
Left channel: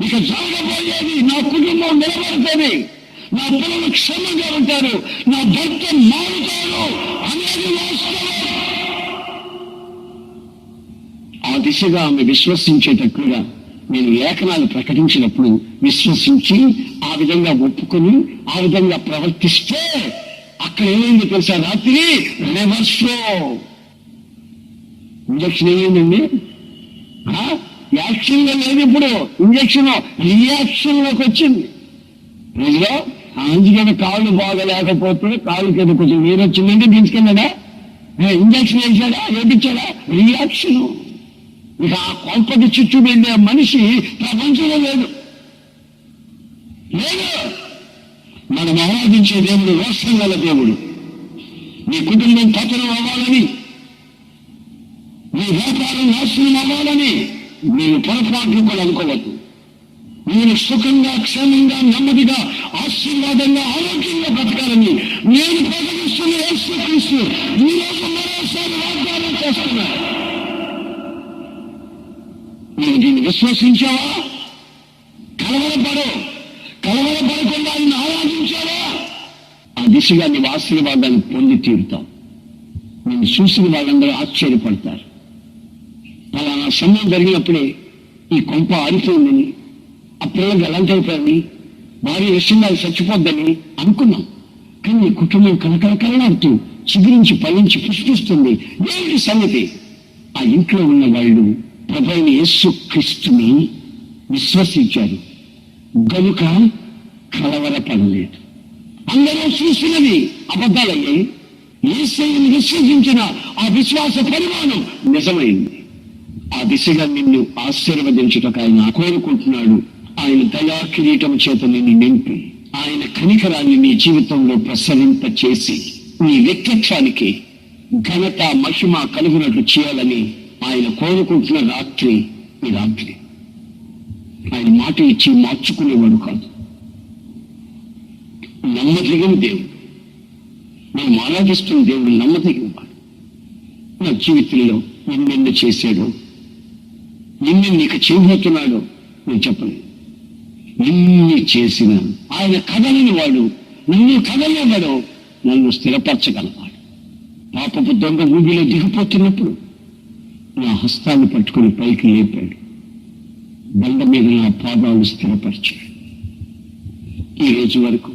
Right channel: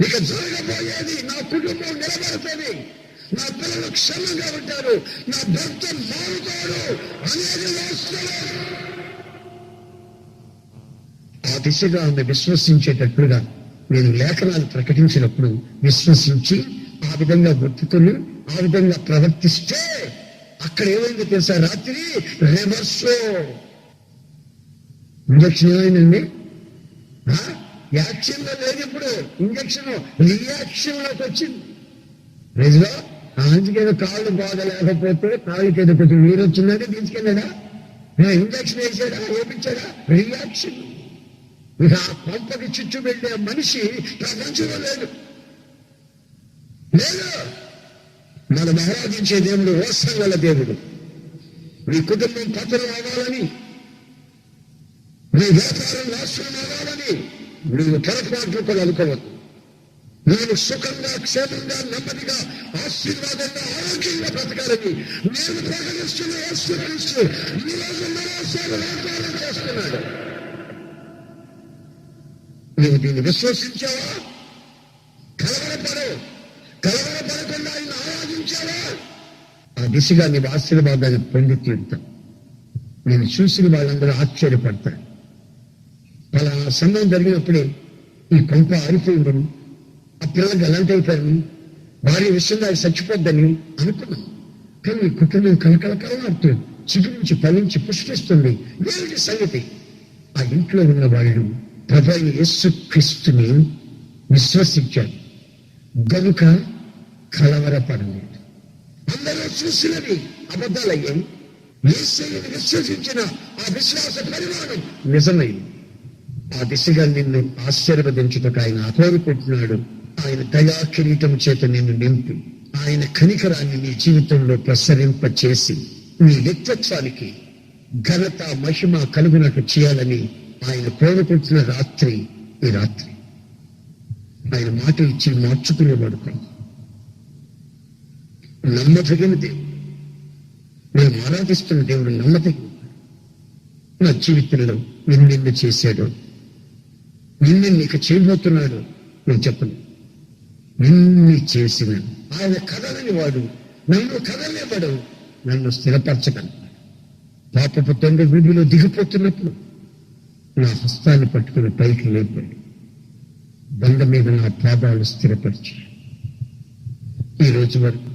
ఇక జరగబోయేది నా కుటుంబం నిలబడుతుంది, నా పిల్లలు క్షేమంగా ఉంటారు, నా భర్త మారుతాడు అనేది వాస్తవం. ఆ దిశగా ఆమె విశ్వసించేటట్లుగా నేను లేఖనాలు ప్రకటించినప్పుడు విశ్వసించి ఆ విధంగా ఒప్పుకొని ఆ విధంగా ప్రవర్తిస్తే అక్కడ ఏమైందో తెలుసా? రాత్రి రివర్స్లో ఇంజక్షన్ ఏమైందండి? యాక్షన్లో లేదు, ఇప్పుడు ఇంజక్షన్ రియాక్షన్లోకి వచ్చింది. ప్రజలో ఆ మంచిగా కాళ్ళు బాగా లేకపోతే కాళ్ళకి ఏదో కొంచెం నీరు వచ్చిందంటే తీసుకెళ్ళాడా, ఇంజక్షన్ వేసాడా, ఏమిచ్చాడా? రియాక్షను. ఇక ఆ కొంపకి చుట్టూ వెళ్ళే మనిషి ప్రపంచంలో లేదు. మనం ఆరాధించే దేవుడు రోషం గల దేవుడు. నీ కుటుంబం పతనం అవ్వాలని, నీ వ్యాపారం నాశనం అవ్వాలని నీవు పొరపాట్లు కూడా అనుకోవద్దు. నేను సుఖంగా క్షేమంగా నెమ్మదిగా ఆశీర్వాదంగా ఆరోగ్యంగా బ్రతకాలని నేను ప్రకటిస్తున్న యేసుక్రీస్తు ఈ రోజు మరోసారి వాగ్దానం చేస్తున్నాడు. నువ్వు దీన్ని విశ్వసించావా? కలవరపడకుండా ఆయన ఆరాధించావా? ఆ దిశగా నీవు ఆశీర్వాదాన్ని పొంది తీరుతావు. నేను చూసిన వాళ్ళందరూ ఆశ్చర్యపడతారు. పలానా సమయం జరిగినప్పుడే ఈ కొంప ఆరిపోయిందని, ఆ పిల్లలకు ఎలాంటి అయిపోయారని, భార్య విషయంగా అది చచ్చిపోద్దని అనుకున్నాం. కానీ ఈ కుటుంబం కలకలకలాడుతూ చిగురించి ఫలించి పుష్పిస్తుంది. ఏమిటి సంగతి? ఆ ఇంట్లో ఉన్న వాళ్ళు ప్రభువైన యేసుక్రీస్తుని విశ్వసించారు గనుక కలవరపడలేదు. అందరూ చూసినవి అబద్ధాలయ్యాయి. యేసుని విశ్వసించిన ఆ విశ్వాస పరిమాణం నిజమైంది. ఆ దిశగా నిన్ను ఆశీర్వదించుటకు ఆయన కోరుకుంటున్నాడు. ఆయన దయా కిరీటం చేత నిన్ను నింపి ఆయన కనికరాన్ని నీ జీవితంలో ప్రసరింపచేసి నీ వ్యక్తిత్వానికి ఘనత మహిమ కలుగునట్లు చేయాలని ఆయన కోరుకుంటున్న రాత్రి ఈ రాత్రి. ఆయన మాట ఇచ్చి మార్చుకునేవాడు కాదు. నమ్మదగిన దేవుడు, మేము ఆరాధిస్తున్న దేవుడు నమ్మదగిన వాడు. నా జీవితంలో ఎన్నెన్నో చేశాడు, నిన్ను నీకు చేయబోతున్నాడు నేను చెప్పను. ఇన్ని చేసిన ఆయన కదలని వాడు, నన్ను కదలేవాడు, నన్ను స్థిరపరచగలవాడు. పాపపు దొంగ ఊగిలో దిగిపోతున్నప్పుడు నా హస్తాన్ని పట్టుకుని పైకి లేపాడు, బండ మీద నా పాదాలు స్థిరపరిచాడు. ఈ రోజు వరకు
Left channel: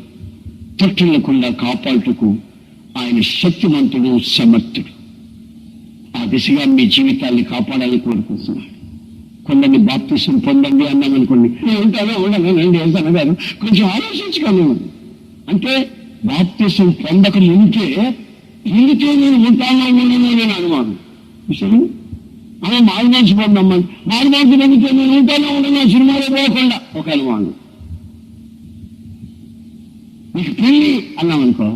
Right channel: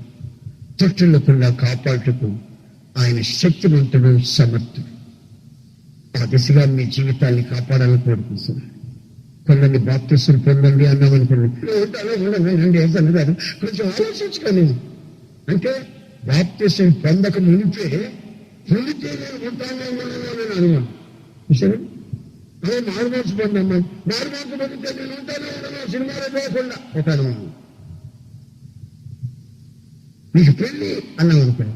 తొట్టులకుండా కాపాడుటకు ఆయన శక్తిమంతుడు, సమర్థుడు. ఆ దిశగా మీ జీవితాన్ని కాపాడాలని కోరుకుంటున్నాడు. కొందరిని బాప్తిసం పొందండి అన్నాం అనుకోండి, ఉంటానో ఉండనండి వెళ్తాను కాదు, కొంచెం ఆలోచించుకోను. అంటే బాప్తిసం పొందక ముందే పొందితే నేను ఉంటానో ఉండను నేను అనుమానం. సరే, అదే మారు మనసు పొందమ్మా, మారు మనసు పొందితే నేను ఉంటానో ఉండను సినిమాలో పోకుండా ఒక అనుమానం. నీకు పెళ్లి అన్నాం అనుకో,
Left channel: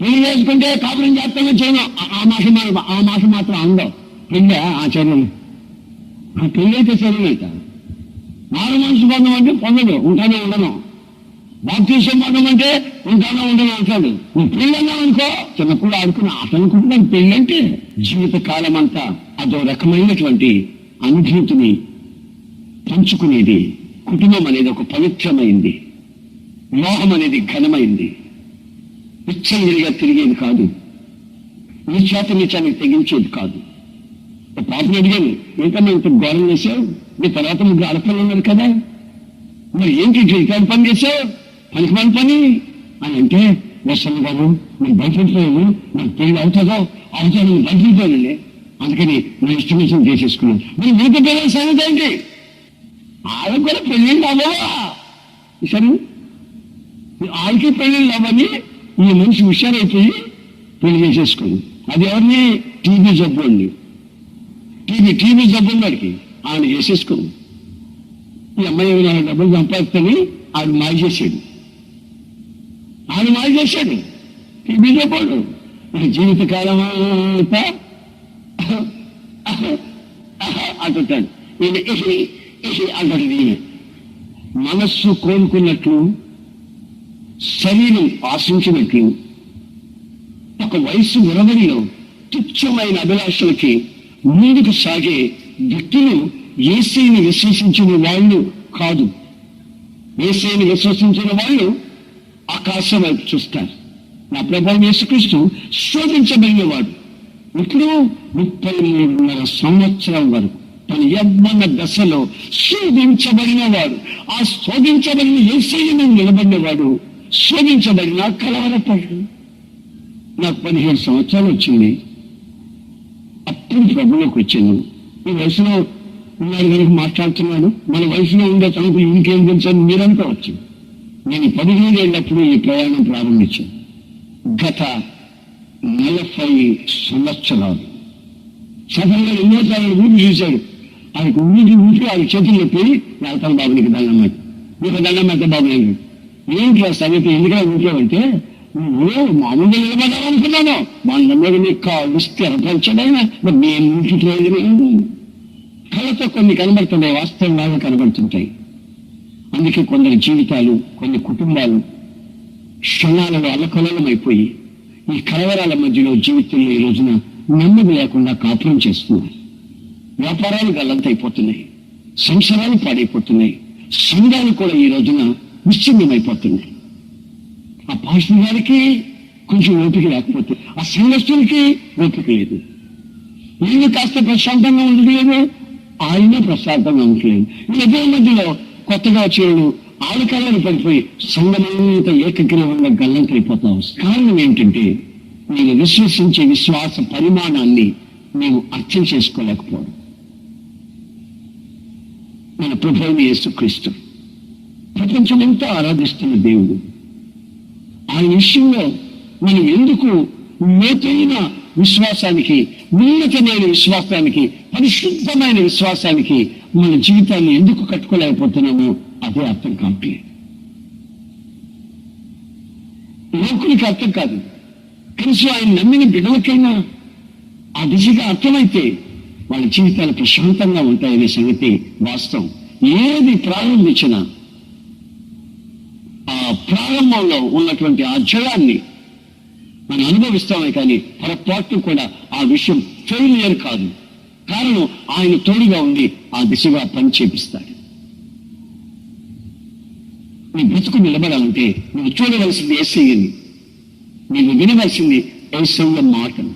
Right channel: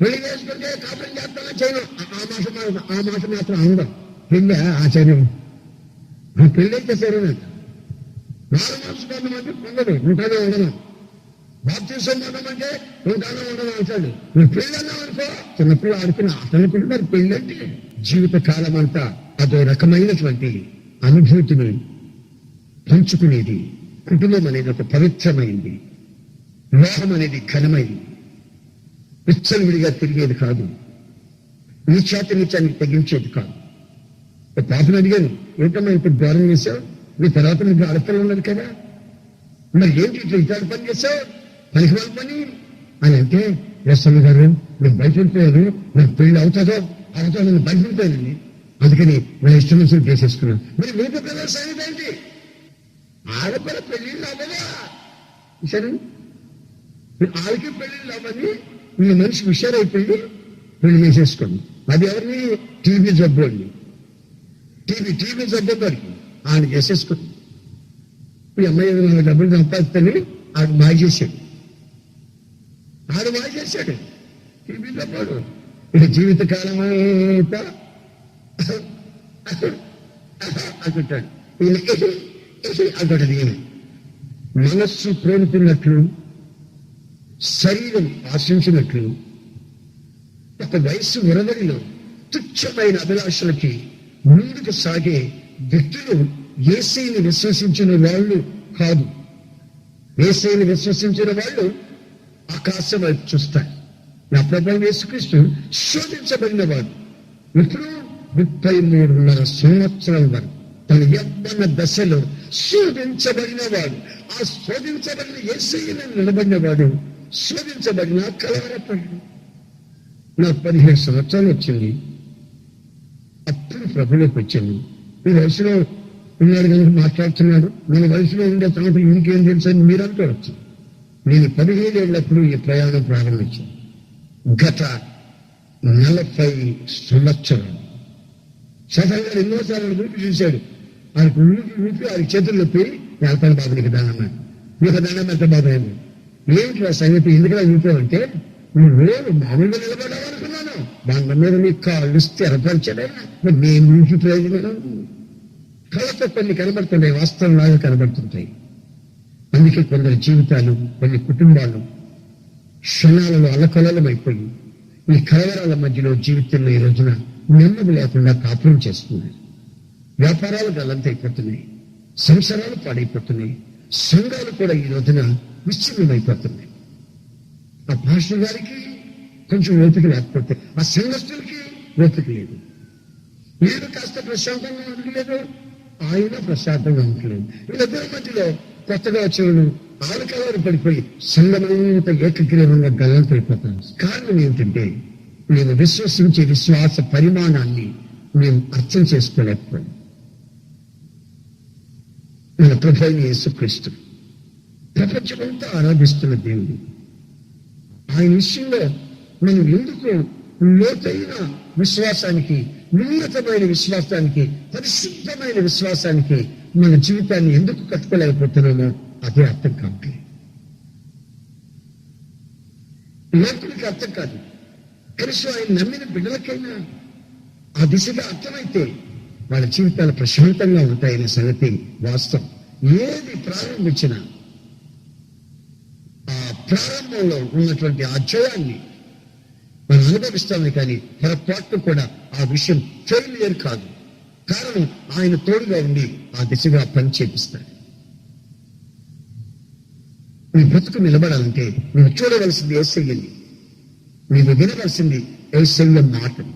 పెళ్లి చేసుకుంటే కాపురం చేస్తానో చేయను, ఆ మాట మాత్రం అందం. పెళ్ళి ఆచార్యం, పెళ్ళి అయితే సరేనంట. మారు మనసు బంధం అంటే పొందడు, ఉంటానే ఉండను. బాప్తిసం బంధం అంటే ఉంటానో ఉండను అంటాడు. నువ్వు పెళ్ళి అన్నావు అనుకో, చిన్నప్పుడు ఆడుకుని ఆట అనుకుంటున్నాను. పెళ్ళి అంటే జీవిత కాలం అంతా అదో రకమైనటువంటి అనుభూతిని పంచుకునేది. కుటుంబం అనేది ఒక పవిత్రమైంది, వివాహం అనేది ఘనమైంది, విచ్చలవిడిగా తిరిగేది కాదు, నీచానికి తెగించేది కాదు. పాపను అడిగాను, ఏంటమ్మా ఇంత ఘోరం చేసావు? నీ తర్వాత ముగ్గురు ఆడపిల్లలు ఉన్నారు కదా, మరి ఏంటి ఇట్లాంటి పని చేసావు? పనికి వాళ్ళ పని అని అంటే, ఎస్ఎల్ గారు నేను బయట వెళ్ళిపోయాను, నాకు పెళ్లి అవుతుందో నేను బయట వెళ్ళిపోయానండి, అందుకని నా ఇష్టం చేసేసుకున్నాను. మరి మిగతా పిల్లల సంగతి ఏంటి? వాళ్ళకు కూడా పెళ్ళిళ్ళు అవ్వవా? సరే, వాళ్ళకి పెళ్ళిళ్ళు అవ్వని ఈ మనిషి హుషారైపోయి పెళ్లి చేసేసుకోండి. అది ఎవరిని? టీబీ జబ్బు అండి. టీబీ జబ్బు ఉంది వాడికి, ఆయన చేసేసుకుని ఈ అమ్మాయి 4 డబ్బులు సంపాదిస్తని ఆడు మాయ చేశాడు. టీబీ జబ్బు ఇక జీవితకాలం అంతా అంటుంటాడు. ఈయన అంటుంటది. ఈమె మనస్సు కోలుకున్నట్లు, శరీరం ఆశించినట్లు, ఒక వయసు ఉరవడిలో తుచ్చమైన అభిలాషలకి ముందుకు సాగే వ్యక్తులు యేసయ్యని విశ్వసించిన వాళ్ళు కాదు. యేసయ్యని విశ్వసించిన వాళ్ళు ఆకాశం వైపు చూస్తారు. నా ప్రభువు యేసుక్రీస్తు శోధించబడిన వాడు. ఇప్పుడు 33.5 సంవత్సరాల వరకు తన యవ్వన దశలో శోధించబడిన వాడు. ఆ శోధించబడిన యేసయ్యని నిలబడిన వాడు శోధించబడిన కలవరపడు. నాకు 17 సంవత్సరాలు వచ్చింది, అప్పుడు ప్రభులోకి వచ్చాను. ఈ వయసులో ఉన్నాడు కనుక మాట్లాడుతున్నాడు, మన వయసులో ఉండే తనకు ఇంకేం తెలుసు అని మీరు అనుకోవచ్చు. నేను 17 ఏళ్ళప్పుడు ఈ ప్రయాణం ప్రారంభించాను. గత 40 సంవత్సరాలు చదవగా ఎన్నోసార్లు ఊపి చూశాడు. ఆయనకు ఊపి ఆయన చేతుల్లో పోయి వెళ్తాను బాబు, నీకు దండం పెట్ట, నీకు దండం పెట్ట బాబు. నేను ఏంటి ఆ సంగతి ఎందుకలా ఊపావంటే, నువ్వు మామూలుగా నిలబడాలనుకున్నాను, మా మీద నీ కాళ్ళు స్థిరపరచడైనా నేను నుంచి ప్రయోజనం. కళ్ళతో కొన్ని కనబడుతున్నాయి, వాస్తవంలాగా కనబడుతుంటాయి. అందుకే కొందరి జీవితాలు, కొన్ని కుటుంబాలు క్షణాలలో అల్లకల్లోలమైపోయి ఈ కలవరాల మధ్యలో జీవితంలో ఈ రోజున నెమ్మది లేకుండా కాపురం చేస్తున్నారు. వ్యాపారాలు గల్లంతైపోతున్నాయి, సంసారాలు పాడైపోతున్నాయి, సంఘాలు కూడా ఈ రోజున విచ్ఛిన్నమైపోతున్నాయి. ఆ పాస్టర్ గారికి కొంచెం ఓపిక లేకపోతే ఆ సంఘస్థులకి ఓపిక లేదు. వీళ్ళు కాస్త ప్రశాంతంగా ఉండలేదు, ఆయన ప్రశాంతంగా ఉండలేదు. వీళ్ళిద్దరి మధ్యలో కొత్తగా వచ్చేవాళ్ళు ఆలకాలను పడిపోయి సంఘమంతా ఏకగ్రీవంగా గల్లంతైపోతాం. కారణం ఏంటంటే నేను విశ్వసించే విశ్వాస పరిమాణాన్ని మేము అర్థం చేసుకోలేకపోవడం. మన ప్రభువైన యేసుక్రీస్తు ప్రపంచమంతా ఆరాధిస్తున్న దేవుడు. ఆయన విషయంలో మనం ఎందుకు లోతైన విశ్వాసానికి, ఉన్నతమైన విశ్వాసానికి, పరిశుద్ధమైన విశ్వాసానికి మన జీవితాన్ని ఎందుకు కట్టుకోలేకపోతున్నామో అదే అర్థం కావట్లేదు. లోకులకి అర్థం కాదు, కనీసం ఆయన నమ్మిన బిడ్డలకైనా ఆ దిశగా అర్థమైతే వాళ్ళ జీవితాలు ప్రశాంతంగా ఉంటాయనే సంగతి వాస్తవం. ఏది ప్రారంభించినా ఆ ప్రారంభంలో ఉన్నటువంటి ఆ జయాన్ని మనం అనుభవిస్తామే, కానీ పొరపాటు కూడా ఆ విషయం ఫెయిలియర్ కాదు. కారణం ఆయన తోడుగా ఉండి ఆ దిశగా పని చేపిస్తాడు. నీ బ్రతుకు నిలబడాలంటే నువ్వు చూడవలసింది యేసయ్యని, నువ్వు వినవలసింది యేసయ్య మాటను.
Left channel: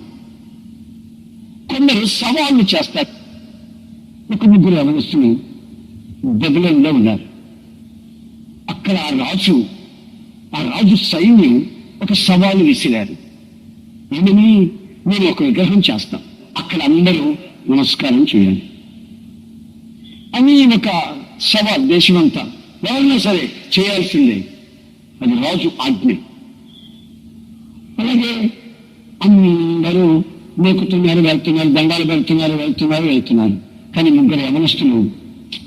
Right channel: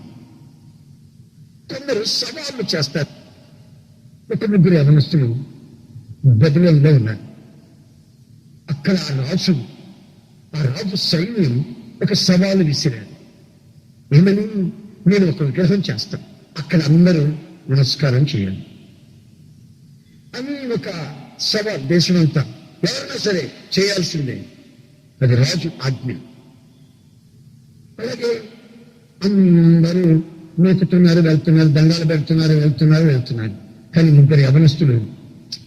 కొందరు సవాళ్లు చేస్తారు. 1-3 యవనస్తులు బబులోనులో ఉన్నారు. అక్కడ ఆ రాజు సైన్యం ఒక సవాలు విసిరారు. ఏమని? నేను ఒక విగ్రహం చేస్తాం, అక్కడ అందరూ నమస్కారం చేయాలి అని ఒక సవాల్. దేశమంతా ఎవరైనా సరే చేయాల్సిందే, అది రాజు ఆజ్ఞ. అలాగే అందరూ నోకుతున్నారు, వెళ్తున్నారు, దండాలు వెళ్తున్నారు. కానీ 3 యవనస్తులు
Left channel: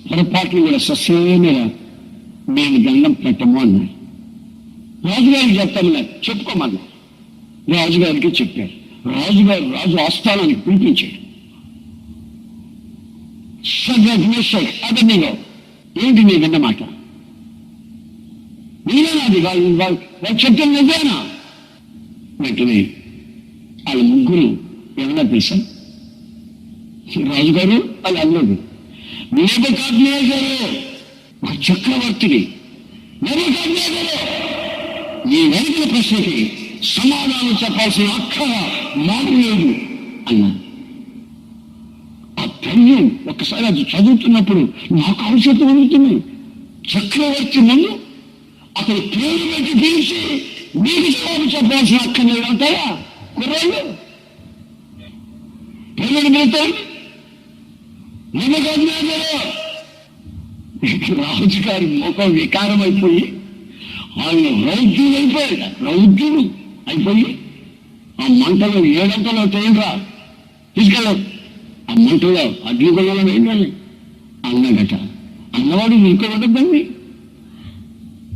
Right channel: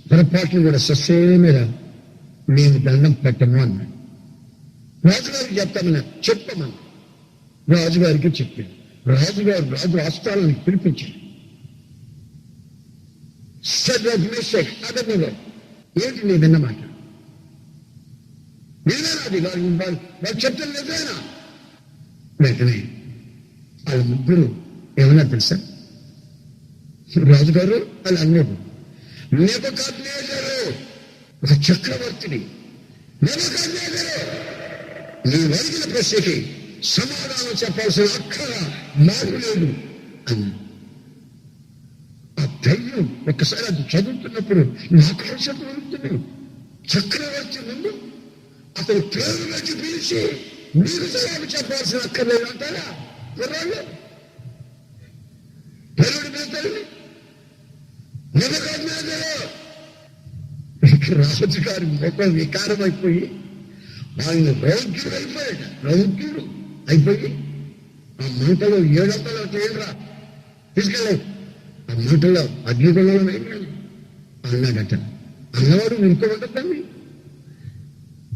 పొరపాట్లు కూడా ససేమేరా మేము దండం పెట్టము అన్నారు. రాజుగారికి చెప్తామన్నారు, చెప్పుకోమన్నారు. రాజుగారికి చెప్పారు. రాజు ఆస్థానానికి పిలిపించాడు. అబద్ధిగా ఏంటి నీ విన్నమాట? నేనేనాది వాళ్ళు చెప్తాను నిజమేనా? వెంటనే వాళ్ళ 3 ఏమన్నా తెలుసా? రాజుగారు వాళ్ళు అన్నారు, నెబుకద్నెజరు ఒక చక్రవర్తిని, నెబుకద్నెజరు నీ అడిగిన ప్రశ్నకి సమాధానం చెప్పాల్సిన అక్కర మాకు లేదు అన్నాడు. ఆ ధైర్యం ఒక్కసారి అది చదువుతున్నప్పుడు నాకు ఆలోచన అందుతుంది. చక్రవర్తి ముందు అతని పేరు పెట్టి పిలిచి మీకు జవాబు చెప్పాల్సిన అక్కర్లేదు అంటారా కుర్రాళ్ళు? పేరు పిలుస్తాను రాజు గారి ముఖం వికారం అయిపోయి ఆయన రౌద్యుడు అయిపోయాడు. రౌద్యుడు అయిపోయి ఆ మంటలో 7 తేలిరా తీసుకెళ్ళవు, ఆ మంటలో అగ్నిగుణంలో వేయండి అన్నాడట. అన్నవాడు ఇంకో ఉండద్దండి,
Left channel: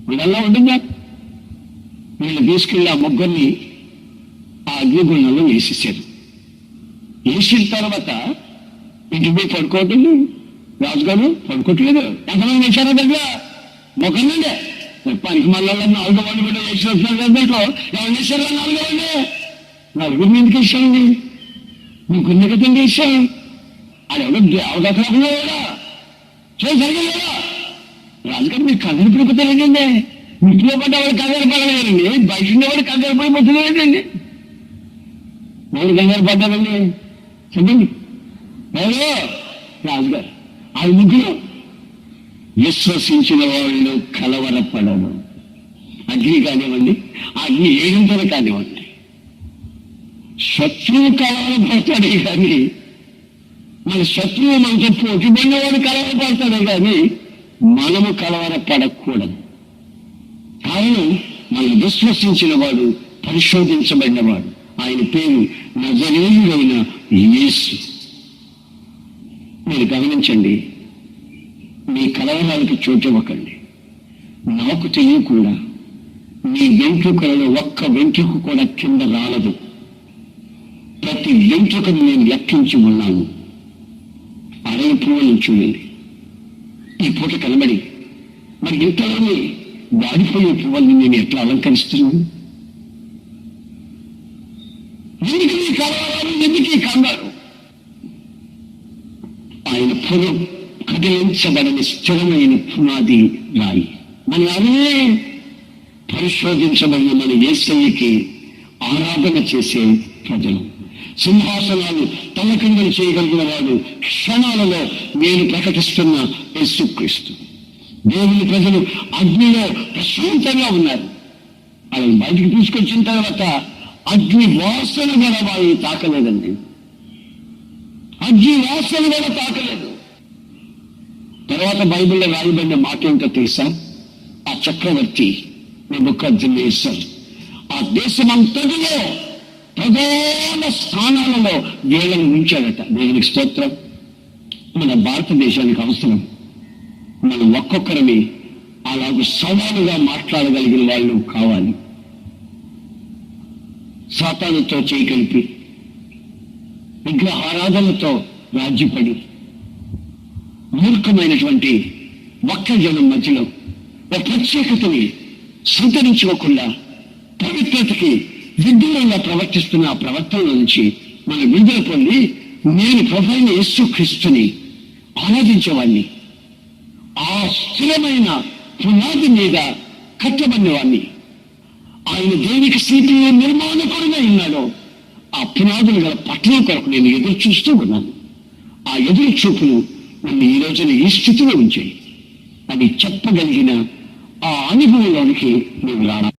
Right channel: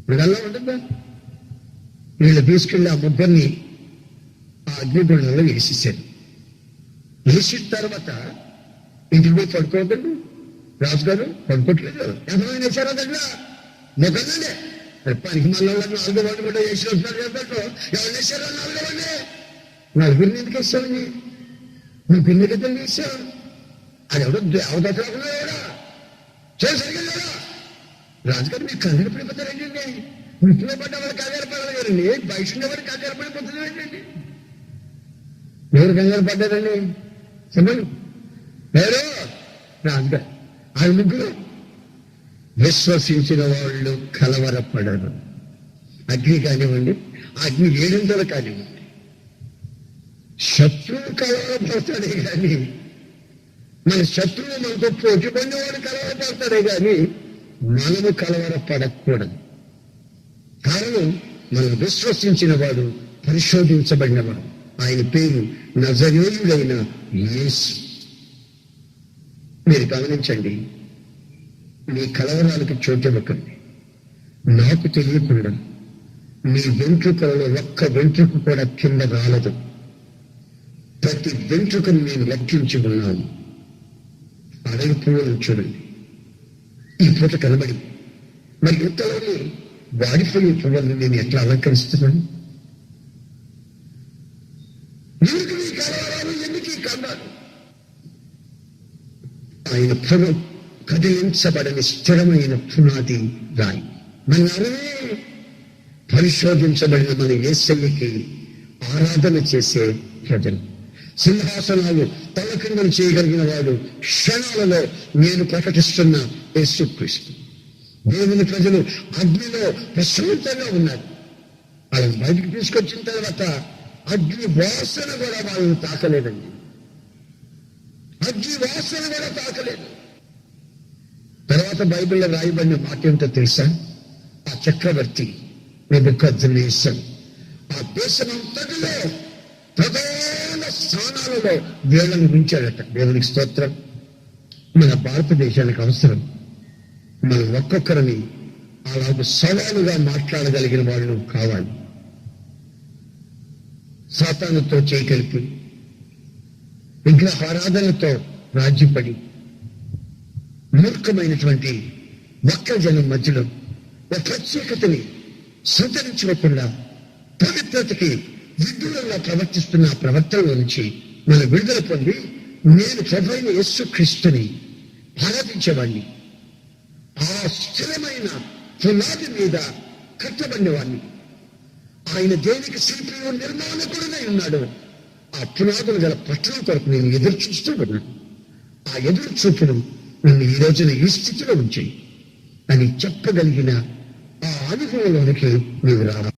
వీళ్ళల్లా ఉంటుందా? వీళ్ళు తీసుకెళ్ళి ఆ ముగ్గురిని ఆ అగ్నిగుణంలో వేసేసారు. వేసిన తర్వాత ఇంటికి పోయి పడుకోవద్దండి. రాజుగారు పడుకోవట్లేదు. ఎంతమంది వేశారో దగ్గర మొగ్గనండి పనికి మళ్ళీ 4 వాళ్ళు కూడా వేసి వస్తున్నారు కదా. దాంట్లో ఎవరు వేశారో 4 వాళ్ళు 4 ఎందుకు వేసామండి? ముగ్గురిని కదండి వేసాం. అది ఎవరో అవకాశం కూడా చూడండి సరిగ్గా లేదా? రాజుగారు మీరు కంగారు పడిపోతారేంటండి? ఇంట్లో పడ్డవాడు కంగారు పడలేదండి, బయట ఉండేవాడు కంగారు పడిపోతున్నారేంటండి? ఎవరు కంగారు పడ్డారండి చెప్పండి? ఎవరు? రాజుగారు. ఆ ముగ్గురు విశ్వసించిన వాళ్ళు కలవరపడరు. అగ్ని కానివ్వండి, అగ్ని 7 కానివ్వండి, శత్రువు కలవరపడతాడే కానీ మన శత్రువు మనతో పోటీపడినవాడు కలవరపడతాడే కానీ మనము కలవరపడకూడదు. కారణం మనం విశ్వసించిన వాడు పరిశోధించబడినవాడు. ఆయన పేరు నజరేయుడైన యేసు. మీరు గమనించండి, మీ కలవరాలకు చోటివ్వకండి. నాకు తెలియకుండా మీ వెంట్రుకలలో ఒక్క వెంట్రుక కూడా కింద రాలదు. ప్రతి వెంట్రుకను నేను లెక్కించి ఉన్నాను. అడవి పువ్వులను చూడండి, ఈ పూట కనబడి మరి ఇంతలోనే వాడిపోయే పువ్వుల్ని నేను ఎట్లా అలంకరిస్తున్నాను? ఎందుకు ఈ కలవరాలు, ఎందుకు ఈ కంగారు? ఆయన పురం కదిలించబడని స్థిరమైన పునాది రాయి. మన అరవే పరిశోధించబడిన మన యేసయ్యకి ఆరాధన చేసే ప్రజలు. సింహాసనాలు తలకిందలు చేయగలిగిన వాడు క్షణాలలో నేను ప్రకటిస్తున్న యేసుక్రీస్తు. దేవుని ప్రజలు అగ్నిలో ప్రశాంతంగా ఉన్నారు. వాళ్ళని బయటికి తీసుకొచ్చిన తర్వాత అగ్ని వాసన కూడా వాళ్ళని తాకలేదండి. అగ్ని వాసన కూడా తాకలేదు. తర్వాత బైబిల్లో రాయబడిన మాట ఏమిటో తెలుసా? ఆ చక్రవర్తి నెబుకద్నెజర్ ఆ దేశమంతటిలో ప్రధాన స్థానాలలో వీళ్ళని ఉంచాడట. దేవునికి స్తోత్రం. మన భారతదేశానికి అవసరం మనం ఒక్కొక్కరిని అలాగ సవాలుగా మాట్లాడగలిగిన వాళ్ళు కావాలి. సాతానుతో చేయి కలిపి విగ్రహారాధనతో రాజ్యపడి మూర్ఖమైనటువంటి వక్ర జనం మధ్యలో ఒక ప్రత్యేకతని సంతరించుకోకుండా పవిత్రతకి విదూరంగా ప్రవర్తిస్తున్న ఆ ప్రవర్తనలో నుంచి మనం విడుదల పొంది నేను ప్రభువైన యేసుక్రీస్తుని ఆరాధించేవాడిని, ఆ స్థిరమైన పునాది మీద కట్టబడినవాడిని, ఆయన దేవునికి శిల్పియు నిర్మాణకుడినై ఉన్నాడు. ఆ పునాదులు గల పట్టణం కొరకు నేను ఎదురు చూస్తూ ఉన్నాను. ఆ ఎదురు చూపులు నన్ను ఈ రోజున ఈ స్థితిలో ఉంచాయి అని చెప్పగలిగిన ఆ అనుభవంలోనికి నువ్వు రావాలి.